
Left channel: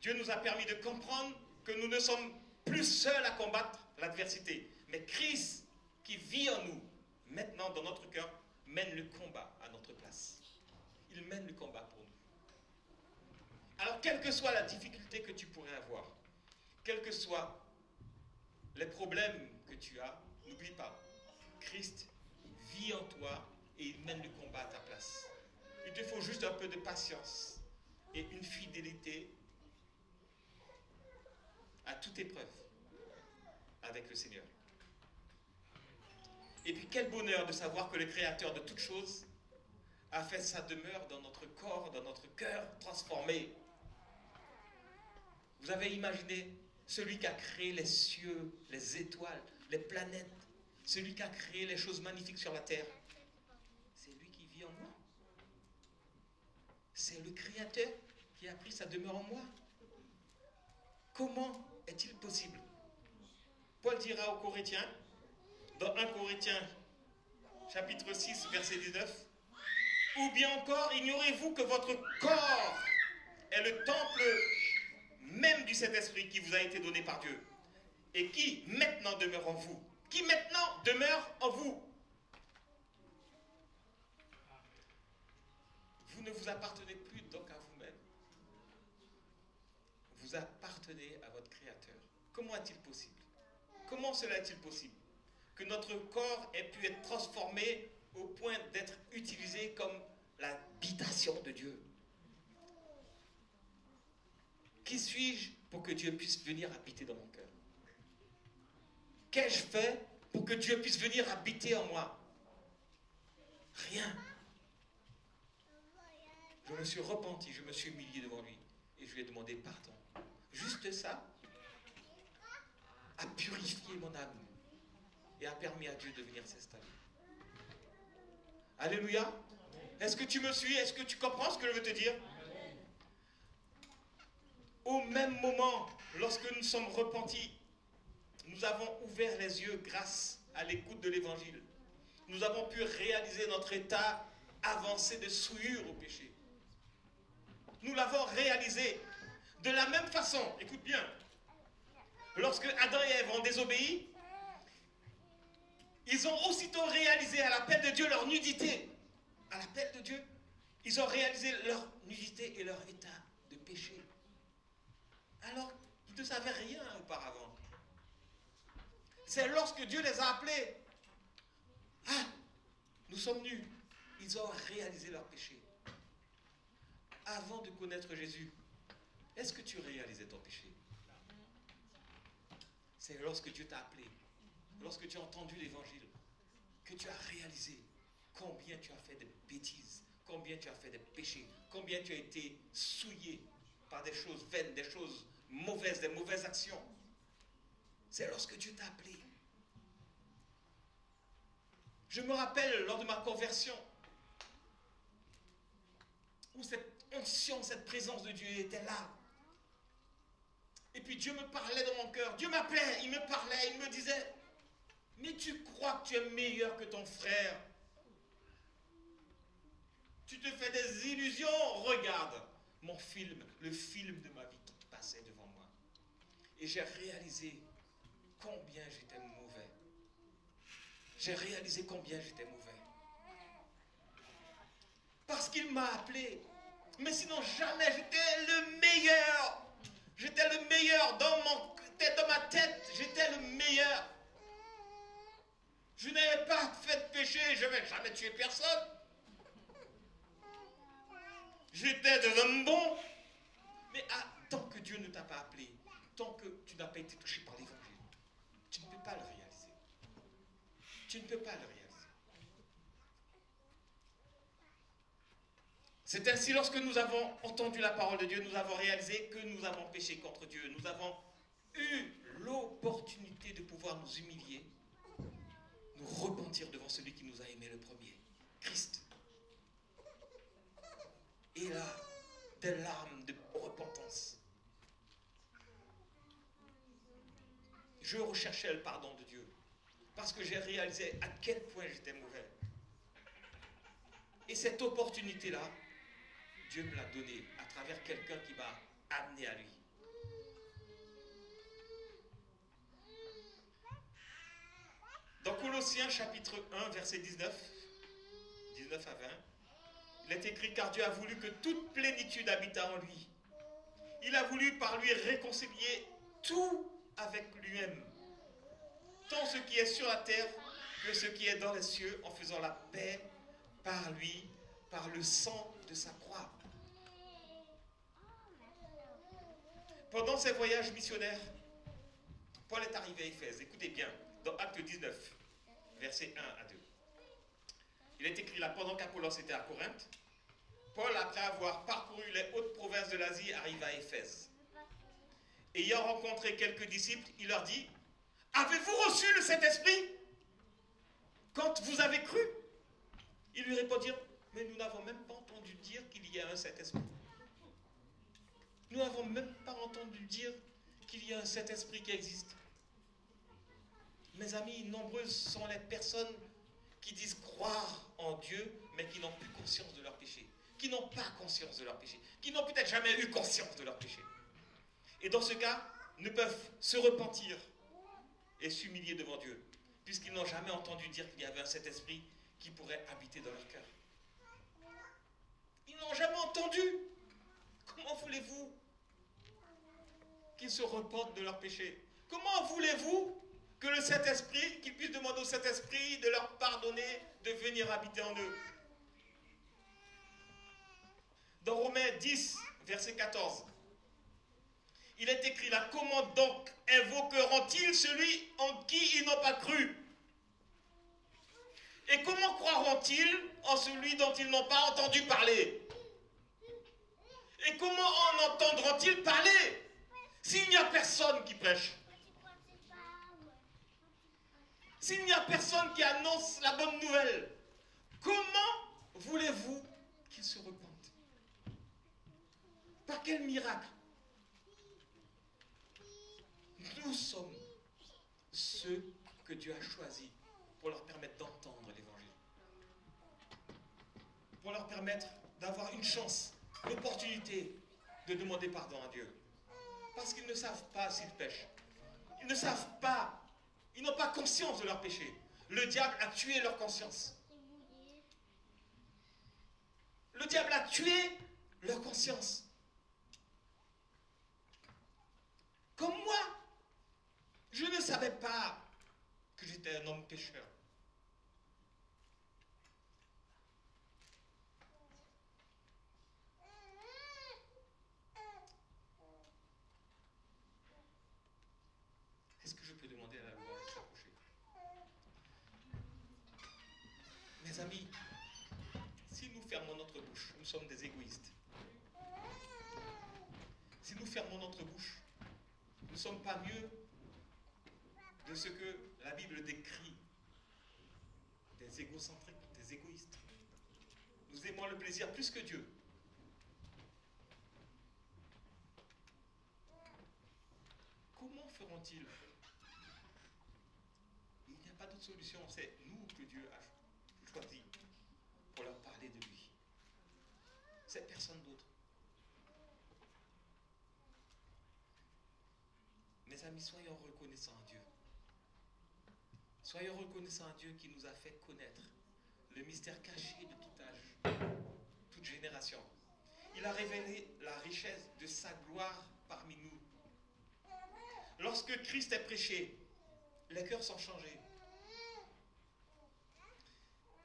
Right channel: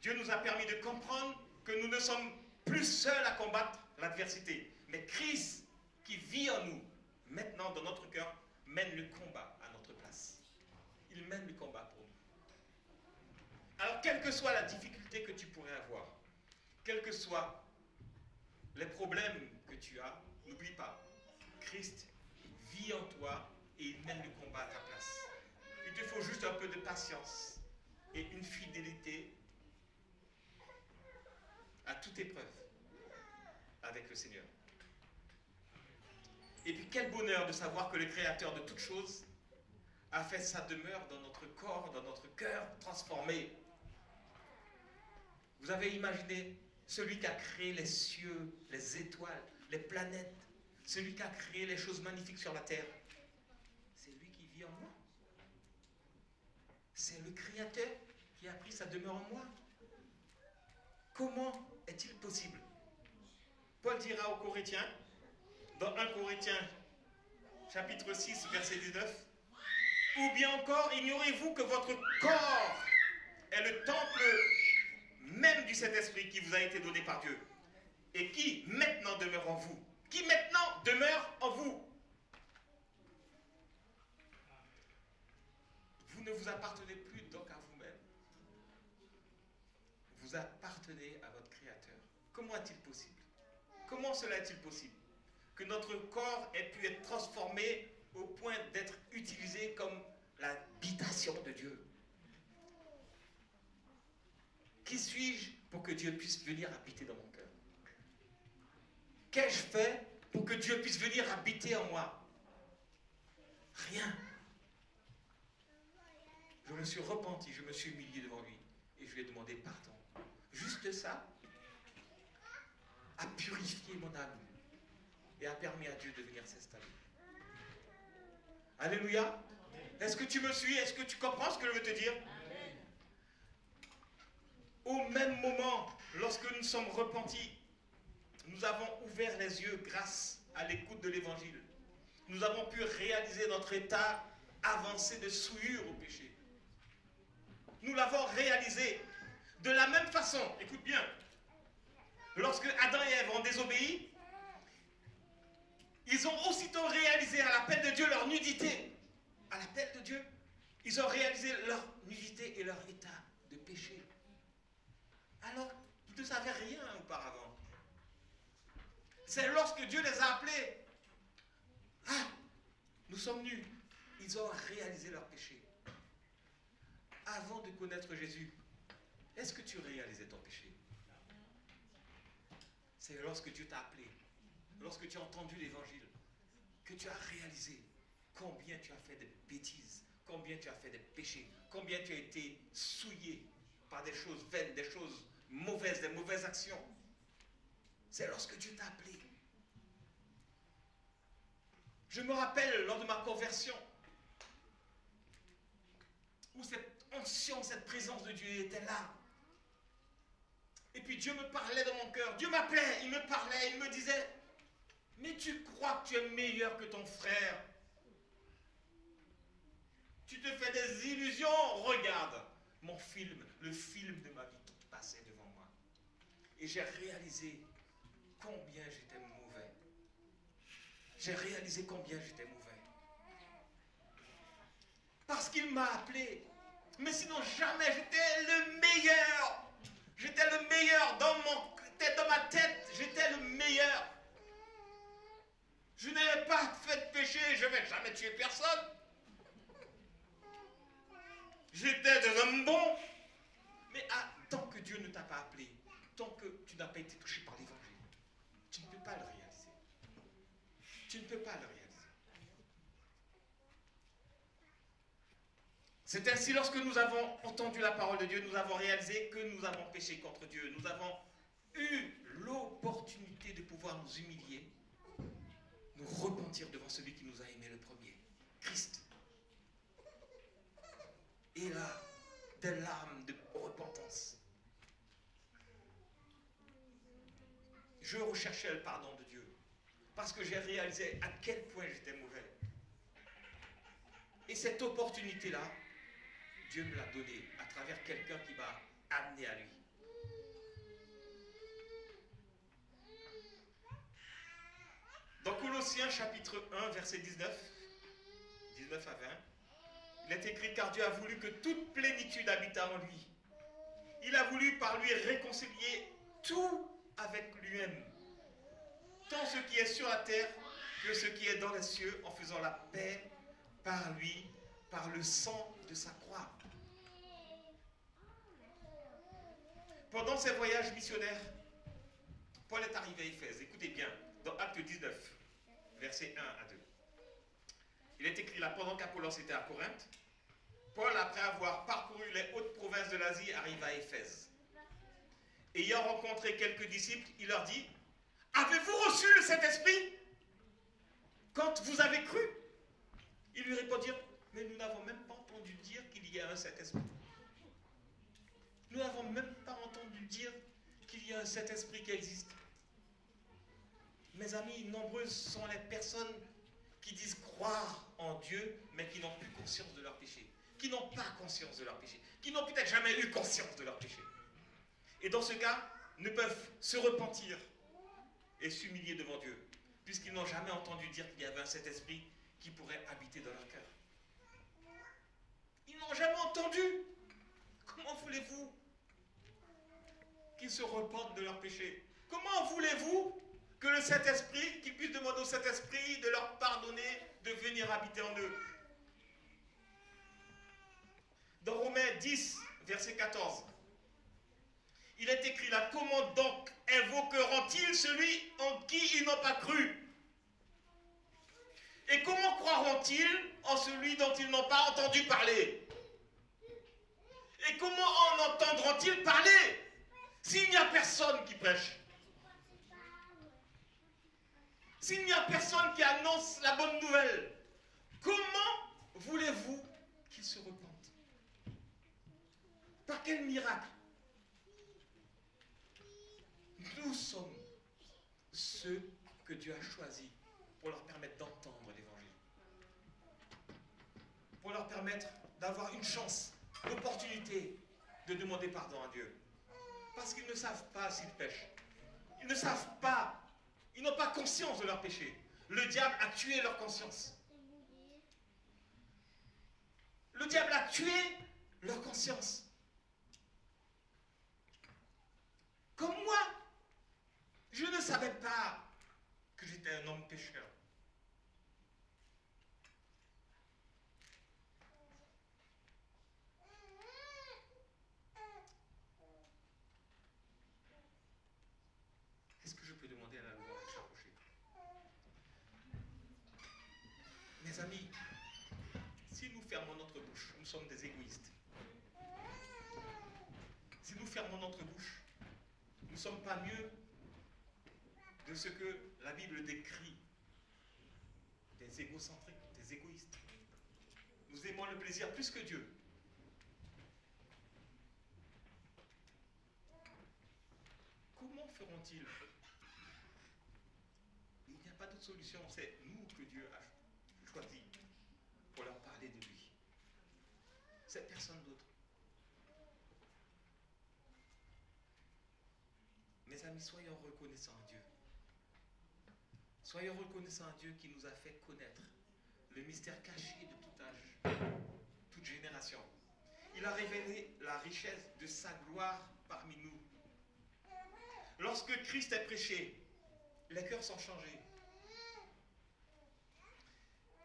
Dieu nous a permis de comprendre que nous ne sommes plus seuls à combattre l'adversité. Mais Christ, qui vit en nous, maintenant dans notre cœur, mène le combat à notre place. Il mène le combat pour nous. Alors, quelle que soit la difficulté que tu pourrais avoir, quels que soient les problèmes que tu as, n'oublie pas, Christ vit en toi et il mène le combat à ta place. Il te faut juste un peu de patience et une fidélité à toute épreuve avec le Seigneur. Et puis quel bonheur de savoir que le Créateur de toutes choses a fait sa demeure dans notre corps, dans notre cœur transformé. Vous avez imaginé celui qui a créé les cieux, les étoiles, les planètes, celui qui a créé les choses magnifiques sur la terre. C'est lui qui vit en moi. C'est le Créateur qui a pris sa demeure en moi. Comment est-il possible? Paul dira aux Corinthiens, dans 1 Corinthiens, chapitre 6, verset 19, « Ou bien encore, ignorez-vous que votre corps est le temple même du Saint-Esprit qui vous a été donné par Dieu, et qui maintenant demeure en vous. » Qui maintenant demeure en vous. Vous ne vous appartenez plus donc à vous-même. Vous appartenez à votre Créateur. Comment est-il possible? Comment cela est-il possible? Que notre corps ait pu être transformé au point d'être utilisé comme l'habitation de Dieu. Qui suis-je pour que Dieu puisse venir habiter dans mon cœur? Qu'ai-je fait pour que Dieu puisse venir habiter en moi? Rien. Je me suis repenti, je me suis humilié devant lui et je lui ai demandé pardon. Juste ça a purifié mon âme et a permis à Dieu de venir s'installer. Alléluia. Est-ce que tu me suis? Est-ce que tu comprends ce que je veux te dire? Au même moment, lorsque nous sommes repentis, nous avons ouvert les yeux grâce à l'écoute de l'Évangile. Nous avons pu réaliser notre état avancé de souillure au péché. Nous l'avons réalisé de la même façon. Écoute bien. Lorsque Adam et Ève ont désobéi, ils ont aussitôt réalisé à l'appel de Dieu leur nudité. À l'appel de Dieu, ils ont réalisé leur nudité et leur état de péché. Alors qu'ils ne savaient rien auparavant. C'est lorsque Dieu les a appelés. Ah, nous sommes nus. Ils ont réalisé leur péché. Avant de connaître Jésus, est-ce que tu réalisais ton péché? C'est lorsque Dieu t'a appelé, lorsque tu as entendu l'Évangile, que tu as réalisé combien tu as fait de bêtises, combien tu as fait de péchés, combien tu as été souillé par des choses vaines, des choses mauvaises, des mauvaises actions. C'est lorsque Dieu t'a appelé. Je me rappelle lors de ma conversion, où cette onction, cette présence de Dieu était là. Et puis Dieu me parlait dans mon cœur. Dieu m'appelait, il me parlait, il me disait, mais tu crois que tu es meilleur que ton frère? Tu te fais des illusions? Regarde mon film, le film de ma vie qui passait devant moi. Et j'ai réalisé combien j'étais mauvais. J'ai réalisé combien j'étais mauvais. Parce qu'il m'a appelé. Mais sinon, jamais j'étais le meilleur. J'étais le meilleur dans ma tête. J'étais le meilleur. Je n'avais pas fait de péché. Je n'avais jamais tué personne. J'étais des hommes bons. Mais tant que Dieu ne t'a pas appelé, tant que tu n'as pas été touché par l'Évangile, tu ne peux pas le réaliser. Tu ne peux pas le réaliser. C'est ainsi, lorsque nous avons entendu la parole de Dieu, nous avons réalisé que nous avons péché contre Dieu. Nous avons eu l'opportunité de pouvoir nous humilier, nous repentir devant celui qui nous a aimés le premier, Christ. Et là, des larmes de repentance. Je recherchais le pardon de Dieu parce que j'ai réalisé à quel point j'étais mauvais. Et cette opportunité-là, Dieu me l'a donnée à travers quelqu'un qui m'a amené à lui. Dans Colossiens chapitre 1, verset 19 à 20, il est écrit: car Dieu a voulu que toute plénitude habitât en lui. Il a voulu par lui réconcilier tout avec lui-même, tant ce qui est sur la terre que ce qui est dans les cieux, en faisant la paix par lui, par le sang de sa croix. Pendant ses voyages missionnaires, Paul est arrivé à Éphèse. Écoutez bien, dans Acte 19, versets 1 à 2. Il est écrit là: pendant qu'Apollos était à Corinthe, Paul, après avoir parcouru les hautes provinces de l'Asie, arriva à Éphèse. Ayant rencontré quelques disciples, il leur dit: avez-vous reçu le Saint-Esprit quand vous avez cru? Ils lui répondirent: mais nous n'avons même pas entendu dire qu'il y a un Saint-Esprit. Nous n'avons même pas entendu dire qu'il y a un Saint-Esprit qui existe. Mes amis, nombreuses sont les personnes qui disent croire en Dieu, mais qui n'ont plus conscience de leur péché, qui n'ont pas conscience de leur péché, qui n'ont peut-être jamais eu conscience de leur péché. Et dans ce cas, ne peuvent se repentir et s'humilier devant Dieu, puisqu'ils n'ont jamais entendu dire qu'il y avait un Saint-Esprit qui pourrait habiter dans leur cœur. Ils n'ont jamais entendu. Comment voulez-vous qu'ils se repentent de leur péché? Comment voulez-vous que le Saint-Esprit, qu'ils puissent demander au Saint-Esprit de leur pardonner, de venir habiter en eux? Dans Romains 10, verset 14, il est écrit là: comment donc invoqueront-ils celui en qui ils n'ont pas cru? Et comment croiront-ils en celui dont ils n'ont pas entendu parler? Et comment en entendront-ils parler s'il n'y a personne qui prêche? S'il n'y a personne qui annonce la bonne nouvelle, comment voulez-vous qu'ils se repentent? Par quel miracle? Nous sommes ceux que Dieu a choisis pour leur permettre d'entendre l'évangile, pour leur permettre d'avoir une chance, l'opportunité de demander pardon à Dieu. Parce qu'ils ne savent pas s'ils pêchent. Ils ne savent pas. Ils n'ont pas conscience de leur péché. Le diable a tué leur conscience. Le diable a tué leur conscience. Comme moi, je ne savais pas que j'étais un homme pécheur. Est-ce que je peux demander à la louange de s'approcher? Mes amis, si nous fermons notre bouche, nous sommes des égoïstes. Si nous fermons notre bouche, nous ne sommes pas mieux de ce que la Bible décrit, des égocentriques, des égoïstes. Nous aimons le plaisir plus que Dieu. Comment feront-ils? Il n'y a pas d'autre solution, c'est nous que Dieu a choisi pour leur parler de lui. C'est personne d'autre. Mes amis, soyons reconnaissants à Dieu. Soyons reconnaissants à Dieu qui nous a fait connaître le mystère caché de tout âge, toute génération. Il a révélé la richesse de sa gloire parmi nous. Lorsque Christ est prêché, les cœurs sont changés.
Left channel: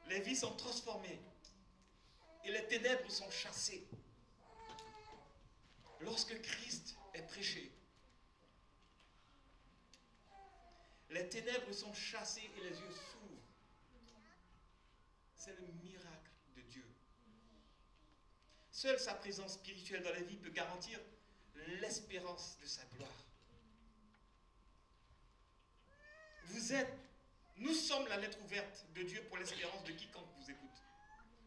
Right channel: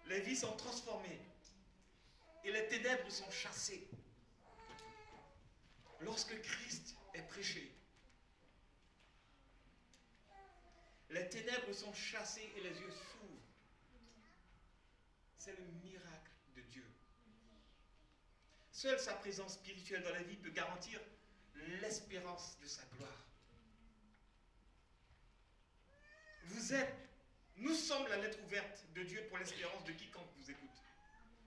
Les vies sont transformées. Et les ténèbres sont chassées. Lorsque Christ est prêché, les ténèbres sont chassées et les yeux s'ouvrent. C'est le miracle de Dieu. Seule sa présence spirituelle dans la vie peut garantir l'espérance de sa gloire. Nous sommes la lettre ouverte de Dieu pour l'espérance de quiconque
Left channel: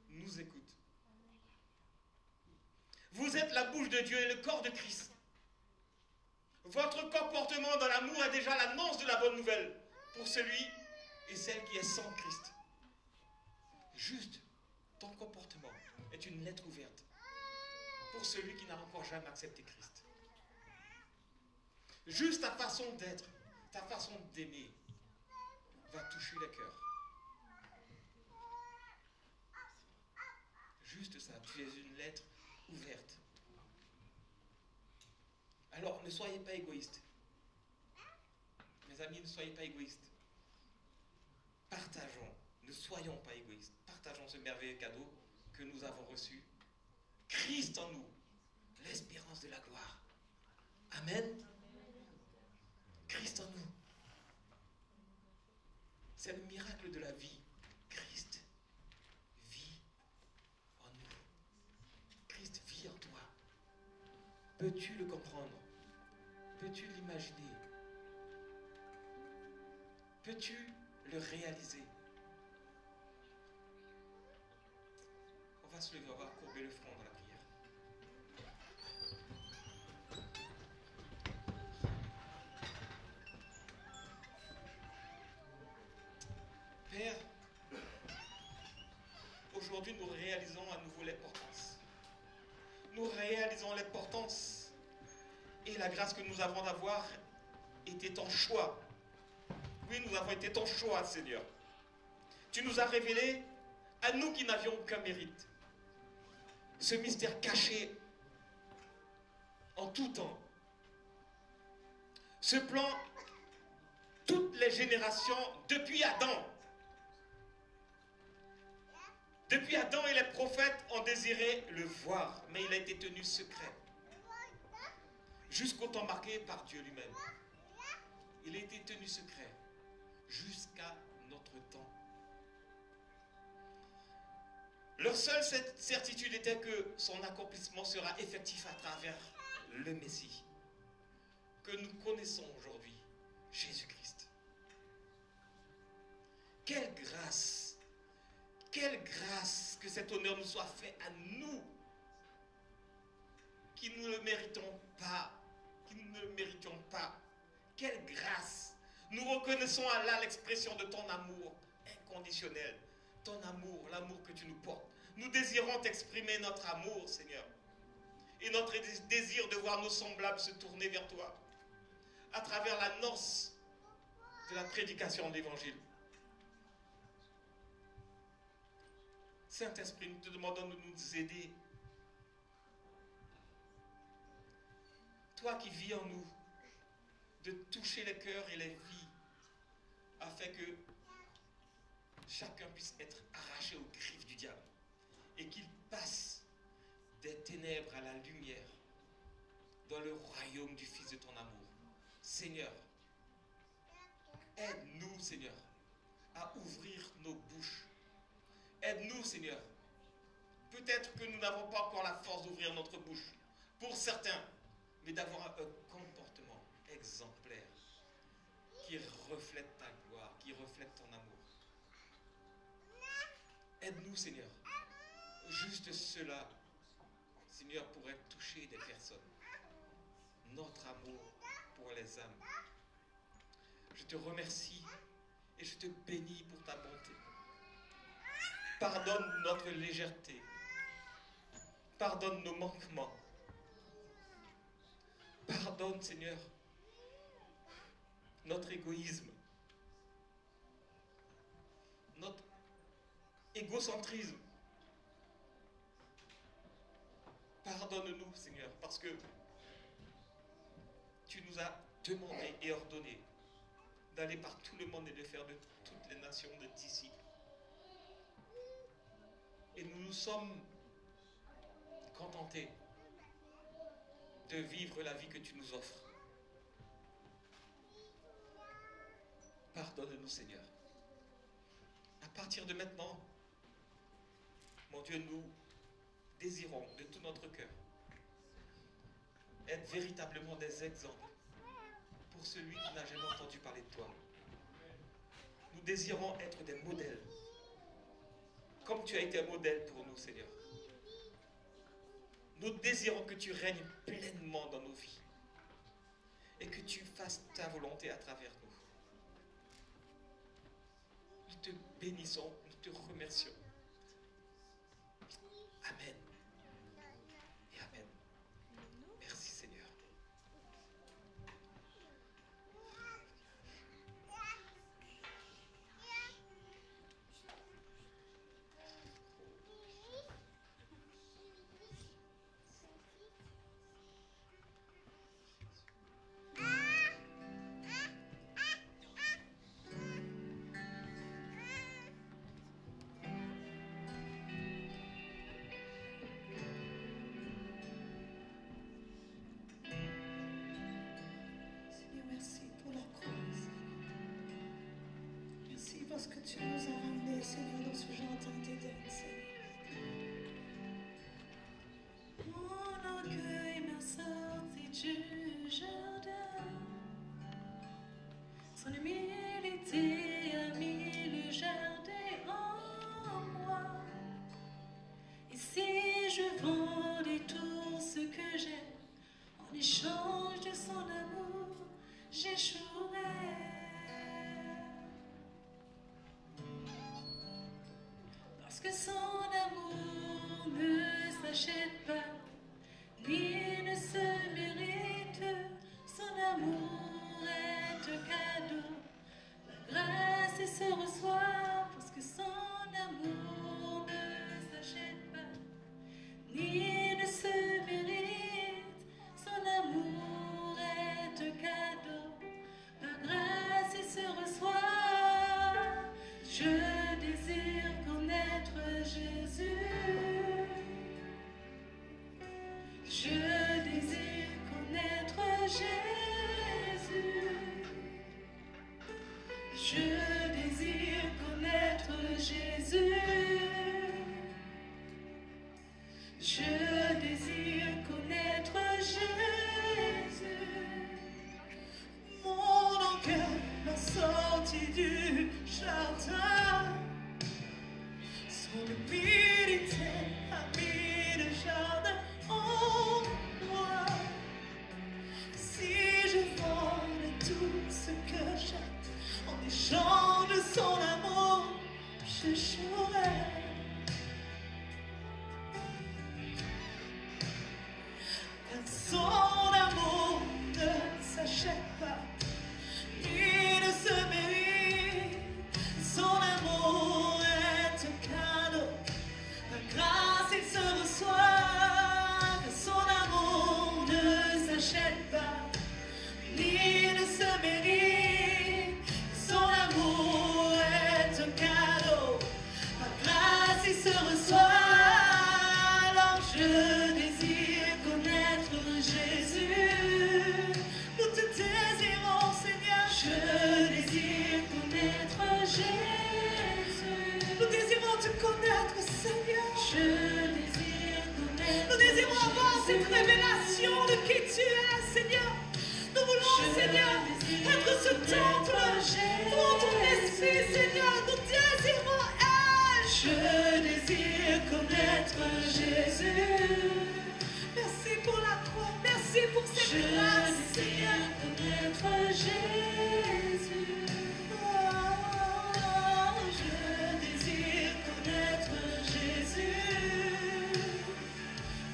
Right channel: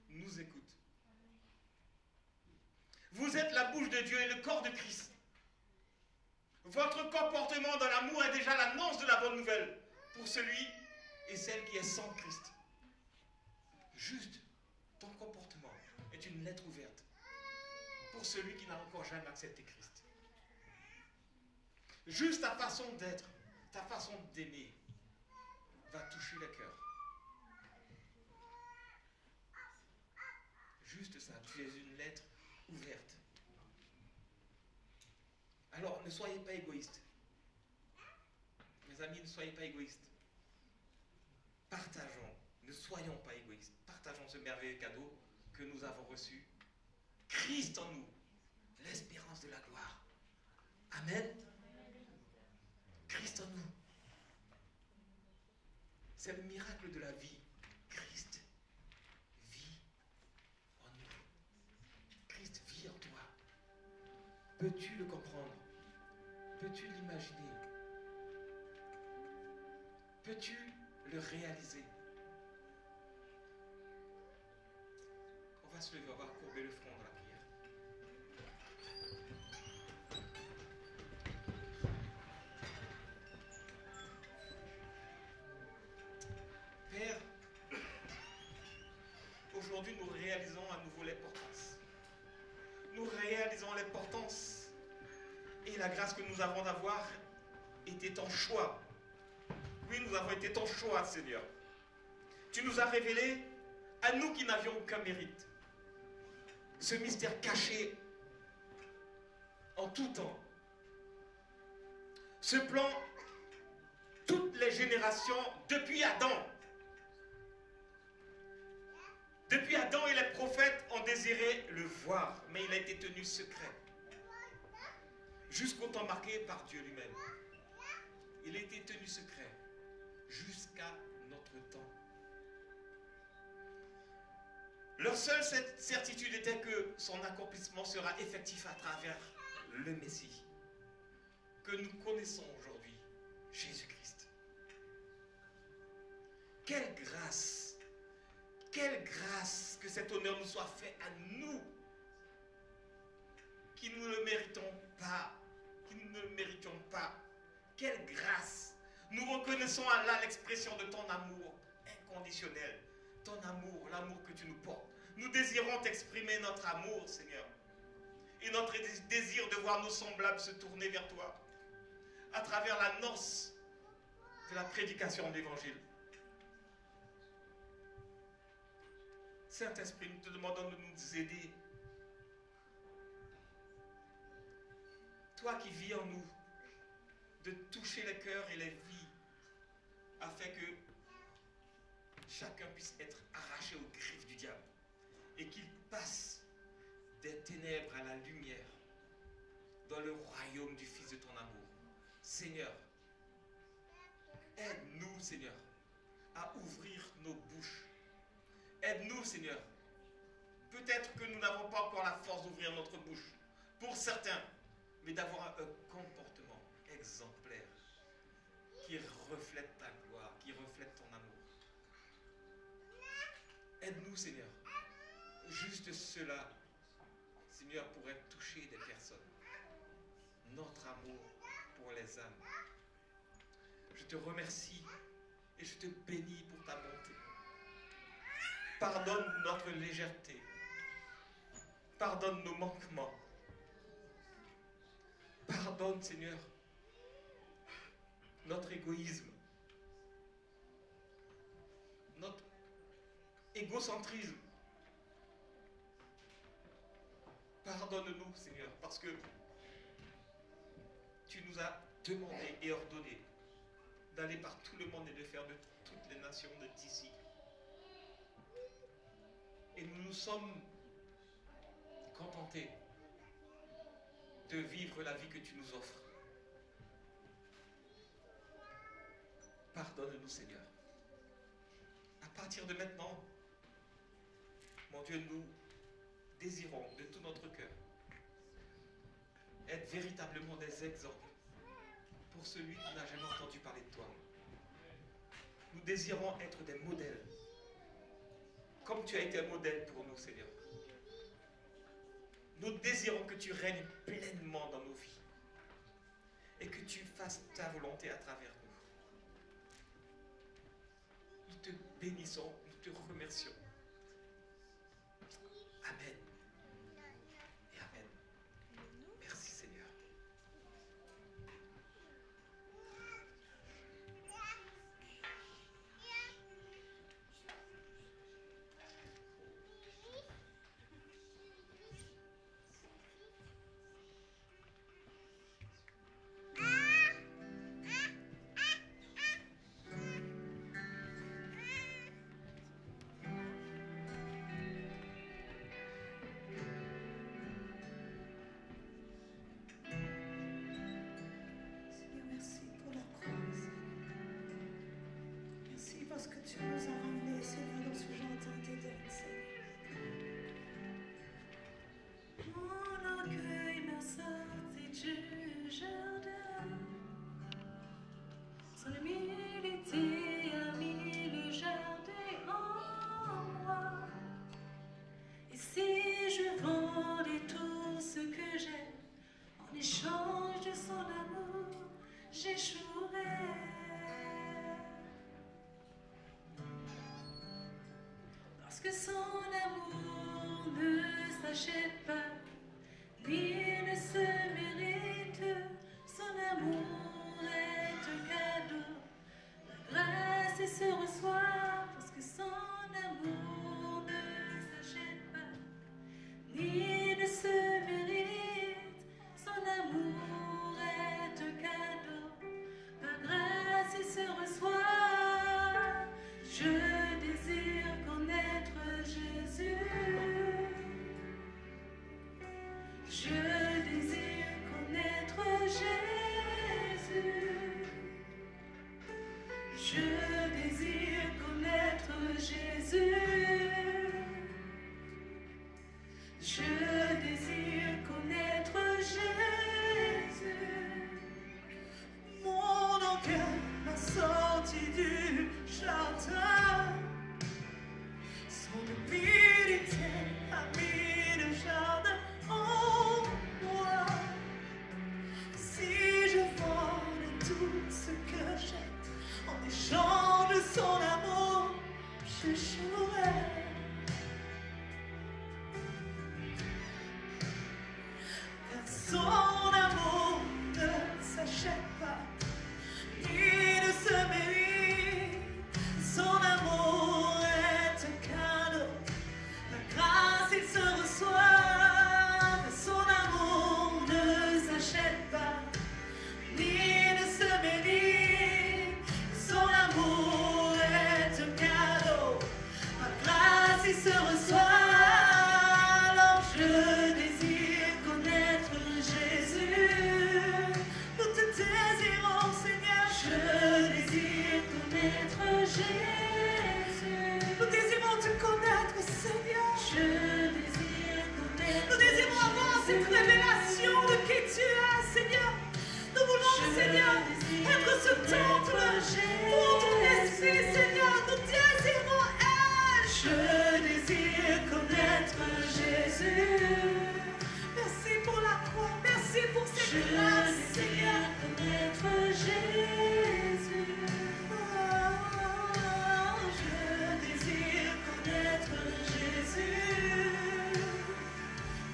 nous écoute. Vous êtes la bouche de Dieu et le corps de Christ. Votre comportement dans l'amour est déjà l'annonce de la bonne nouvelle pour celui et celle qui est sans Christ. Juste, ton comportement est une lettre ouverte pour celui qui n'a encore jamais accepté Christ. Juste ta façon d'être, ta façon d'aimer va toucher le cœur. Juste ça, tu es une lettre ouverte. Alors, ne soyez pas égoïstes. Mes amis, ne soyez pas égoïstes. Partageons, ne soyons pas égoïstes. Partageons ce merveilleux cadeau que nous avons reçu. Christ en nous, l'espérance de la gloire. Amen. Christ en nous. C'est le miracle de la vie. Christ vit en nous. Christ vit en toi. Peux-tu le comprendre? Peux-tu l'imaginer? Peux-tu le réaliser? On va se lever, on va courber le front dans la prière. Père, aujourd'hui nous réalisons à nouveau l'importance. Nous réalisons l'importance et la grâce que nous avons d'avoir été ton choix. Oui, nous avons été ton choix, Seigneur. Tu nous as révélé, à nous qui n'avions aucun mérite, ce mystère caché en tout temps. Ce plan, toutes les générations depuis Adam. Depuis Adam et les prophètes ont désiré le voir, mais il a été tenu secret. Jusqu'au temps marqué par Dieu lui-même. Il a été tenu secret jusqu'à notre temps. Leur seule certitude était que son accomplissement sera effectif à travers le Messie, que nous connaissons aujourd'hui, Jésus-Christ. Quelle grâce que cet honneur nous soit fait à nous, qui ne le méritons pas, Quelle grâce! Nous reconnaissons à Allah l'expression de ton amour inconditionnel, ton amour, l'amour que tu nous portes. Nous désirons t'exprimer notre amour, Seigneur, et notre désir de voir nos semblables se tourner vers toi à travers la noce de la prédication de l'Évangile. Saint-Esprit, nous te demandons de nous aider. Toi qui vis en nous, de toucher les cœurs et les vies, afin que chacun puisse être arraché aux griffes du diable et qu'il passe des ténèbres à la lumière dans le royaume du Fils de ton amour. Seigneur, aide-nous, Seigneur, à ouvrir nos bouches. Aide-nous, Seigneur. Peut-être que nous n'avons pas encore la force d'ouvrir notre bouche, pour certains, mais d'avoir un comportement exemplaire qui reflète ta gloire, qui reflète ton amour. Aide-nous, Seigneur. Juste cela, Seigneur, pourrait toucher des personnes. Notre amour pour les âmes. Je te remercie et je te bénis pour ta bonté. Pardonne notre légèreté. Pardonne nos manquements. Pardonne, Seigneur, notre égoïsme, notre égocentrisme. Pardonne-nous, Seigneur, parce que tu nous as demandé et ordonné d'aller par tout le monde et de faire de toutes les nations d'ici. Et nous nous sommes contentés de vivre la vie que tu nous offres. Pardonne-nous, Seigneur. À partir de maintenant, mon Dieu, nous désirons de tout notre cœur être véritablement des exemples pour celui qui n'a jamais entendu parler de toi. Nous désirons être des modèles, comme tu as été un modèle pour nous, Seigneur. Nous désirons que tu règnes pleinement dans nos vies et que tu fasses ta volonté à travers nous. Nous te bénissons, nous te remercions. Amen. Et amen. Merci Seigneur. Parce que tu nous as ramenés, Seigneur, dans ce jardin d'Éden, Seigneur. Mon orgueil m'a sorti du jardin. Son humilité a mis le jardin en moi. Et si je vendais tout ce que j'ai en échange de son amour, j'échouerais. Parce que son amour ne s'achète pas, ni ne se mérite. Son amour est un cadeau, la grâce se reçoit. Parce que son amour ne s'achète pas, ni ne se mérite. Son amour est un cadeau, la grâce se reçoit. Je désire connaître Jésus. Je désire connaître Jésus. Je désire connaître Jésus. Je désire connaître Jésus. Mon cœur m'a sorti du jardin. Son humilité a mis le jardin en moi. Si je vendais tout ce que j'ai en échange de son amour, j'échouerais. Car son amour ne s'achète pas, il ne se mérite. Son amour est un cadeau, la grâce il se reçoit. Son amour ne s'achète pas, ni ne se mérite. Son amour est un cadeau, la grâce il se reçoit. Alors je désire connaître Jésus. Nous te désirons, Seigneur. Je désire connaître Jésus. Nous désirons te connaître, Seigneur. Je désire connaître. Nous désirons avoir cette révélation de qui tu es, Seigneur. Nous voulons, Seigneur, être ce temple pour ton esprit, Seigneur. Nous désirons être. Je désire connaître Jésus. Merci pour la croix, merci pour cette grâce, Seigneur. Je désire connaître Jésus. Oh, je désire connaître Jésus.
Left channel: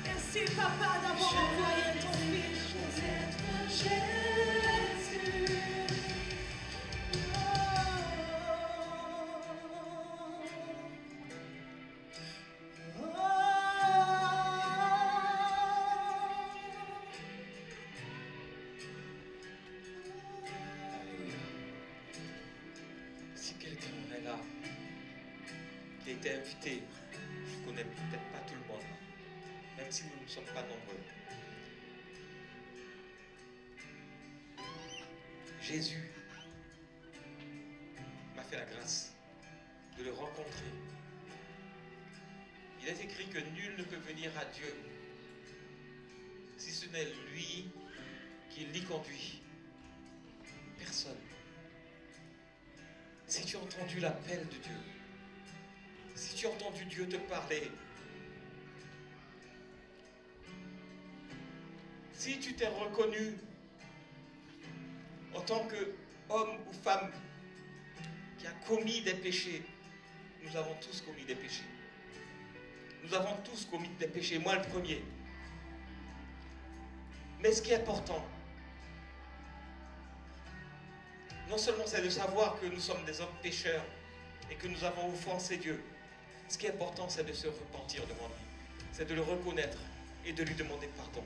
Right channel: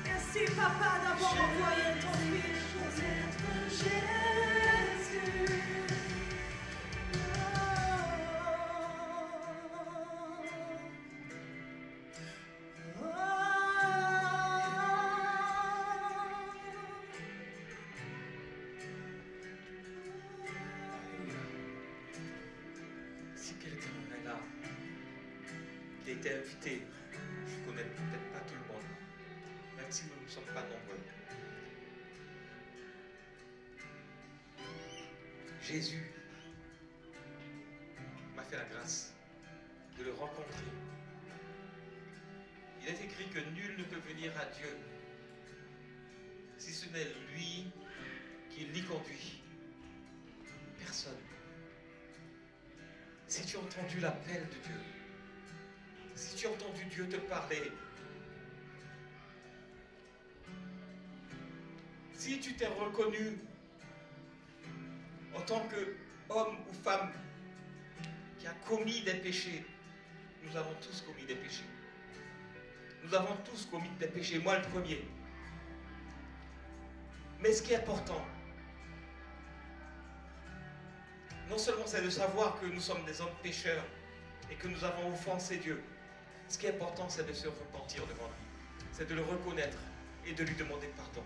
Merci, Papa, d'avoir envoyé ton Fils. Connaître Jésus. Si quelqu'un est là, qui a été invité, je ne connais peut-être pas tout le monde, même si nous ne sommes pas nombreux. Jésus m'a fait la grâce de le rencontrer. Il est écrit que nul ne peut peut venir à Dieu si ce n'est lui qui l'y conduit? Personne. Si tu as entendu l'appel de Dieu, si tu as entendu Dieu te parler, si tu t'es reconnu en tant qu'homme ou femme qui a commis des péchés, nous avons tous commis des péchés. Nous avons tous commis des péchés, moi le premier. Mais ce qui est important, non seulement c'est de savoir que nous sommes des hommes pécheurs et que nous avons offensé Dieu, ce qui est important c'est de se repentir devant lui, c'est de le reconnaître et de lui demander pardon.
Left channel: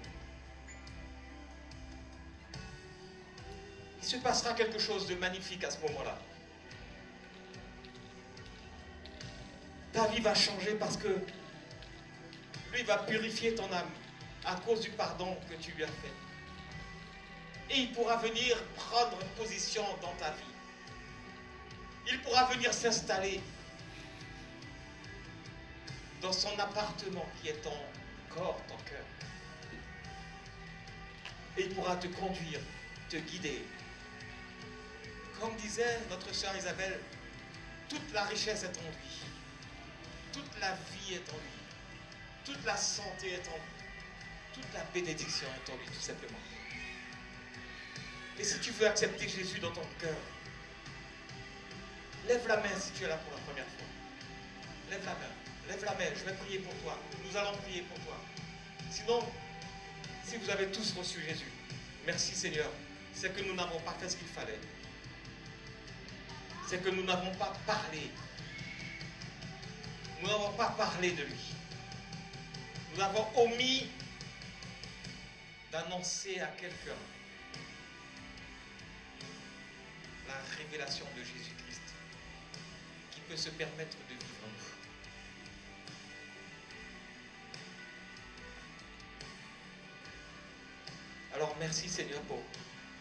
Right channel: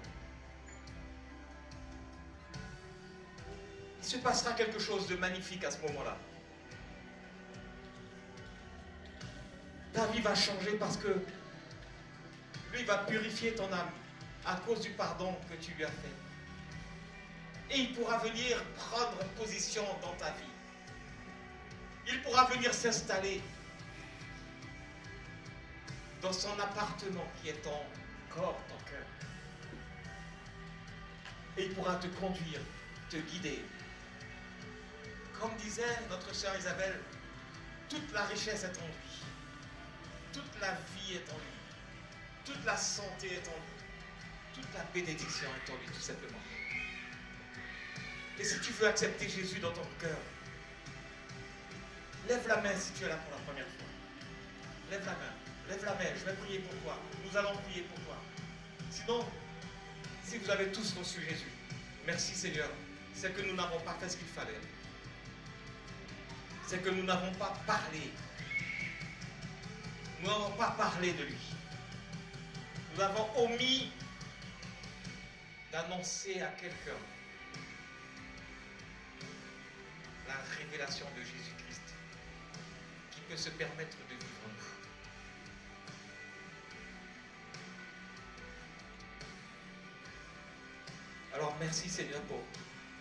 Il se passera quelque chose de magnifique à ce moment-là. Ta vie va changer parce que lui va purifier ton âme à cause du pardon que tu lui as fait. Et il pourra venir prendre position dans ta vie. Il pourra venir s'installer dans son appartement qui est ton corps, ton cœur. Et il pourra te conduire, te guider. Comme disait notre sœur Isabelle, toute la richesse est en lui. Toute la vie est en lui. Toute la santé est en lui. Toute la bénédiction est en lui, tout simplement. Et si tu veux accepter Jésus dans ton cœur, lève la main si tu es là pour la première fois. Lève la main. Lève la main. Je vais prier pour toi. Nous allons prier pour toi. Sinon, si vous avez tous reçu Jésus, merci Seigneur. C'est que nous n'avons pas fait ce qu'il fallait. C'est que nous n'avons pas parlé. Nous n'avons pas parlé de lui. Nous avons omis d'annoncer à quelqu'un la révélation de Jésus-Christ qui peut se permettre de vivre en nous. Alors merci Seigneur pour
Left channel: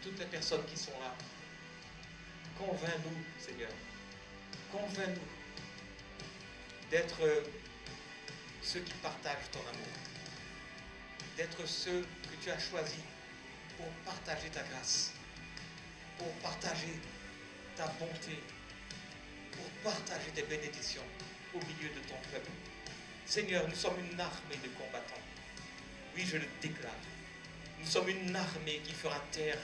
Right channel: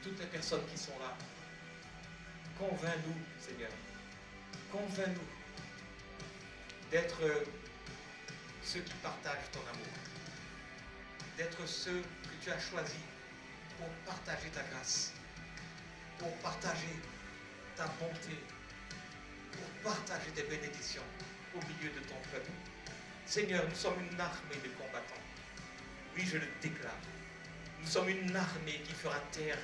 toutes les personnes qui sont là. Convainc-nous Seigneur. Convainc-nous d'être ceux qui partagent ton amour. D'être ceux que tu as choisis pour partager ta grâce, pour partager ta bonté, pour partager tes bénédictions au milieu de ton peuple. Seigneur, nous sommes une armée de combattants. Oui, je le déclare. Nous sommes une armée qui fera taire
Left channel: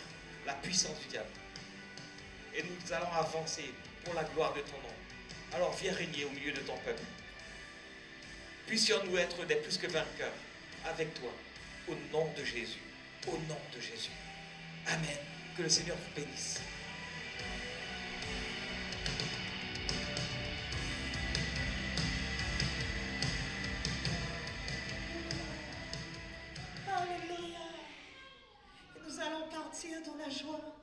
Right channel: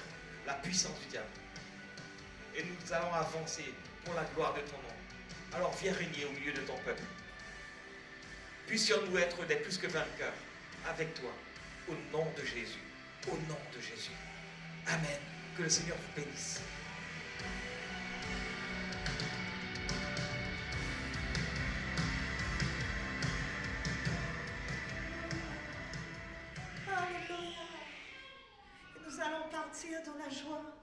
la puissance du diable. Et nous allons avancer pour la gloire de ton nom. Alors viens régner au milieu de ton peuple. Puissions-nous être des plus que vainqueurs avec toi, au nom de Jésus. Au nom de Jésus. Amen. Que le Seigneur vous bénisse. Alléluia. Nous allons partir dans la joie.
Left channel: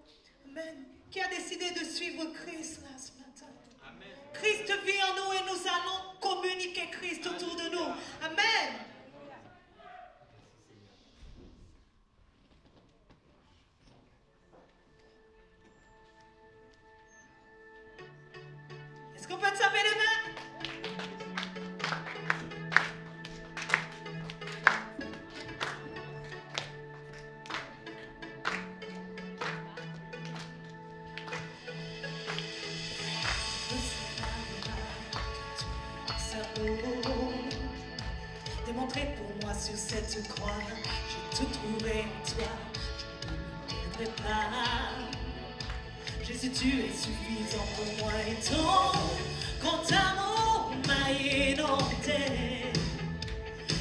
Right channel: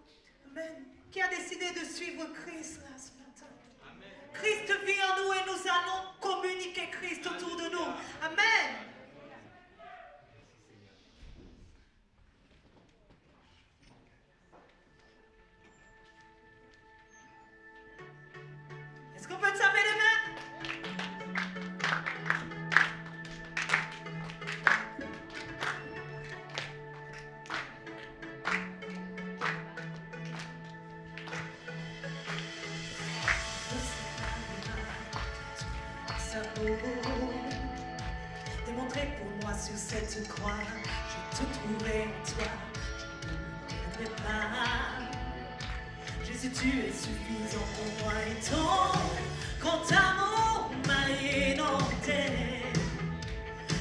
Amen. Qui a décidé de suivre Christ là ce matin? Amen. Christ vit en nous et nous allons communiquer Christ autour de nous. Amen. Est-ce qu'on peut te taper les mains? Démontré pour moi sur cette croix, j'ai tout trouvé en toi, je ne peux pas. Jésus, tu es suffisant pour moi et ton grand amour m'a inondé.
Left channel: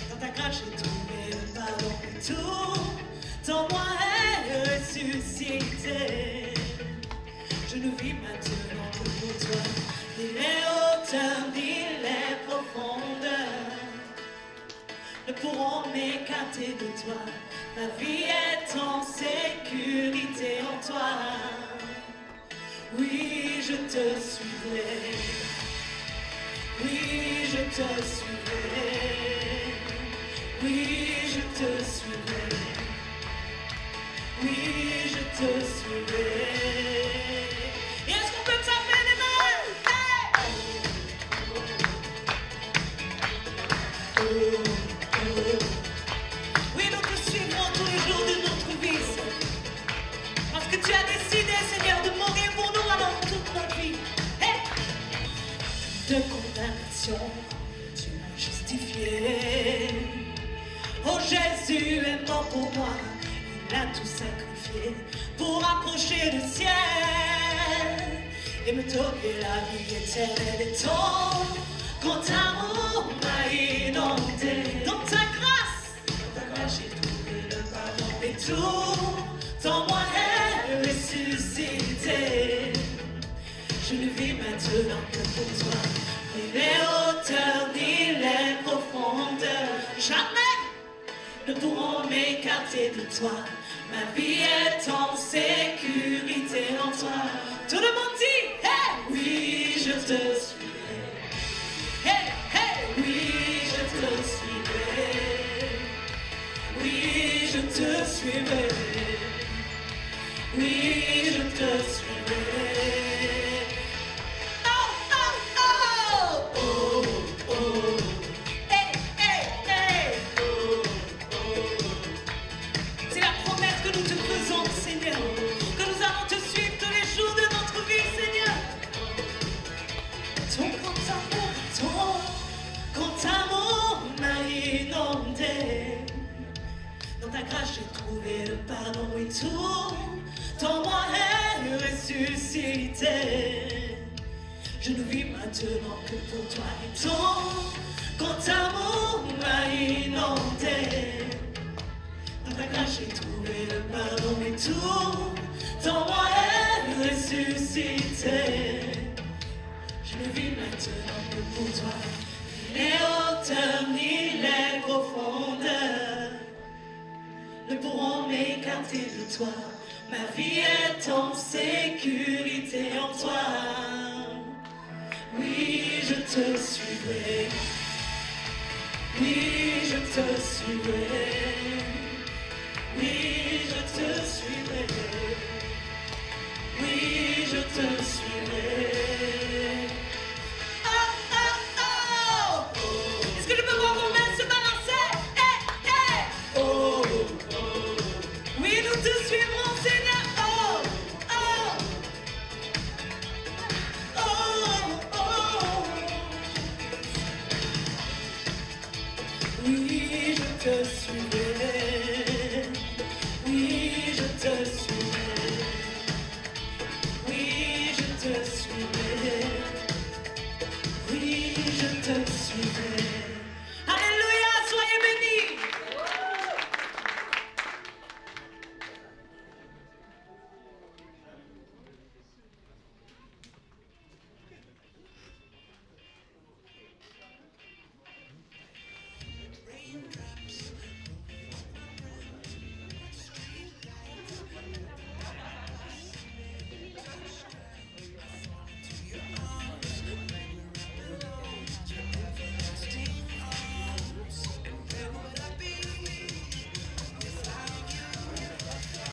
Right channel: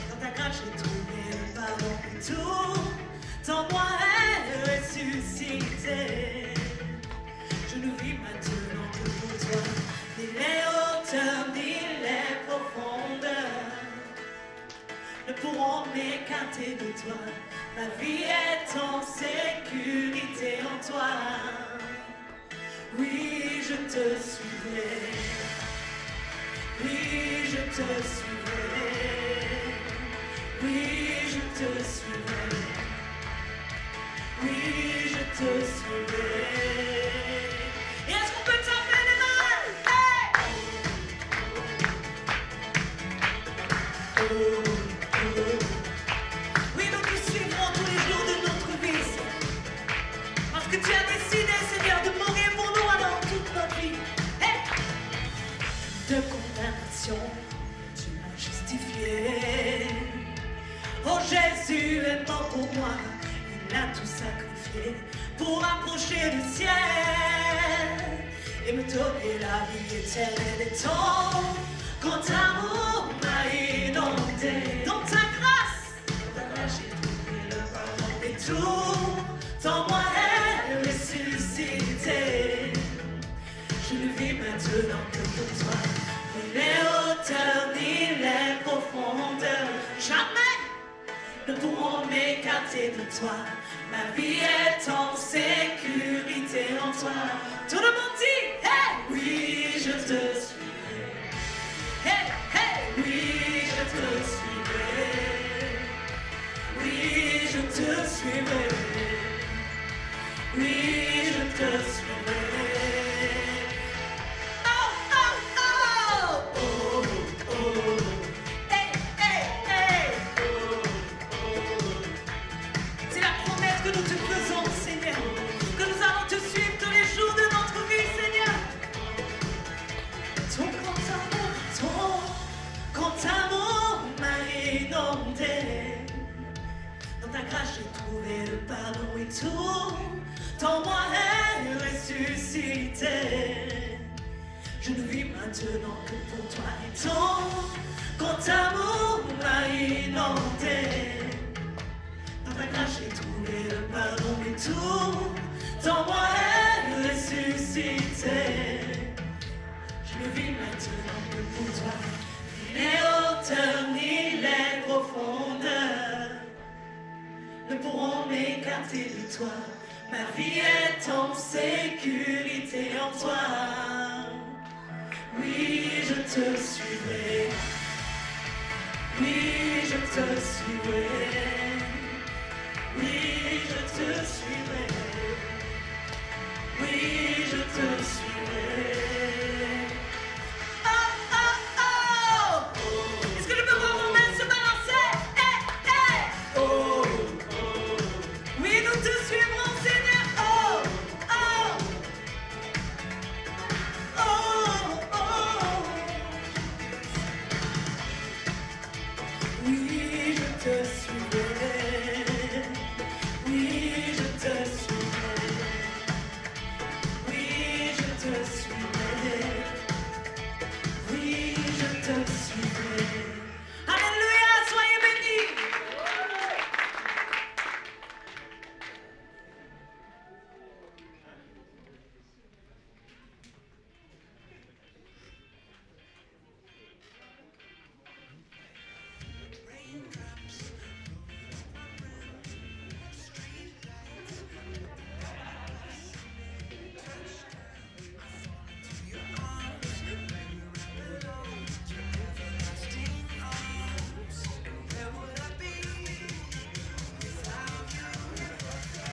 Dans ta grâce, j'ai trouvé le pardon et tout en moi est ressuscité. Je ne vis maintenant que pour toi, des hauteurs, des profondeurs ne pourront m'écarter de toi. Ma vie est en sécurité en toi. Oui, je te suivrai. Oui, je te suivrai. Oui, je te suivrai. Oui, je te suivrai. Et est-ce qu'on peut taper les mains? Hey! Oh, oh. pour moi. Il a tout sacrifié pour approcher du ciel et me donner la vie éternelle. Et ton grand amour m'a inondé. Dans ta grâce, j'ai trouvé le pardon. Et tout en moi est ressuscité. Je ne vis maintenant que pour toi. Ni les hauteurs, ni les profondeurs, jamais ne pourront m'écarter de toi. Ma vie est en sécurité en toi. Tout le monde dit, hey, oui, je te suivrai. Hey, hey, oui, je te suivrai. Oui, je te suivrai. Oui, je te suivrai. J'ai trouvé le pardon et tout en moi est ressuscité. Je ne vis maintenant que pour toi et ton grand amour m'a inondé. Dans ta grâce j'ai trouvé le pardon et tout en moi est ressuscité. Je ne vis maintenant que pour toi. Ni les hauteurs ni les profondeurs ne pourront m'écarter de toi. Ma vie est en sécurité en toi. Oui, je te suivrai. Oui, je te suivrai.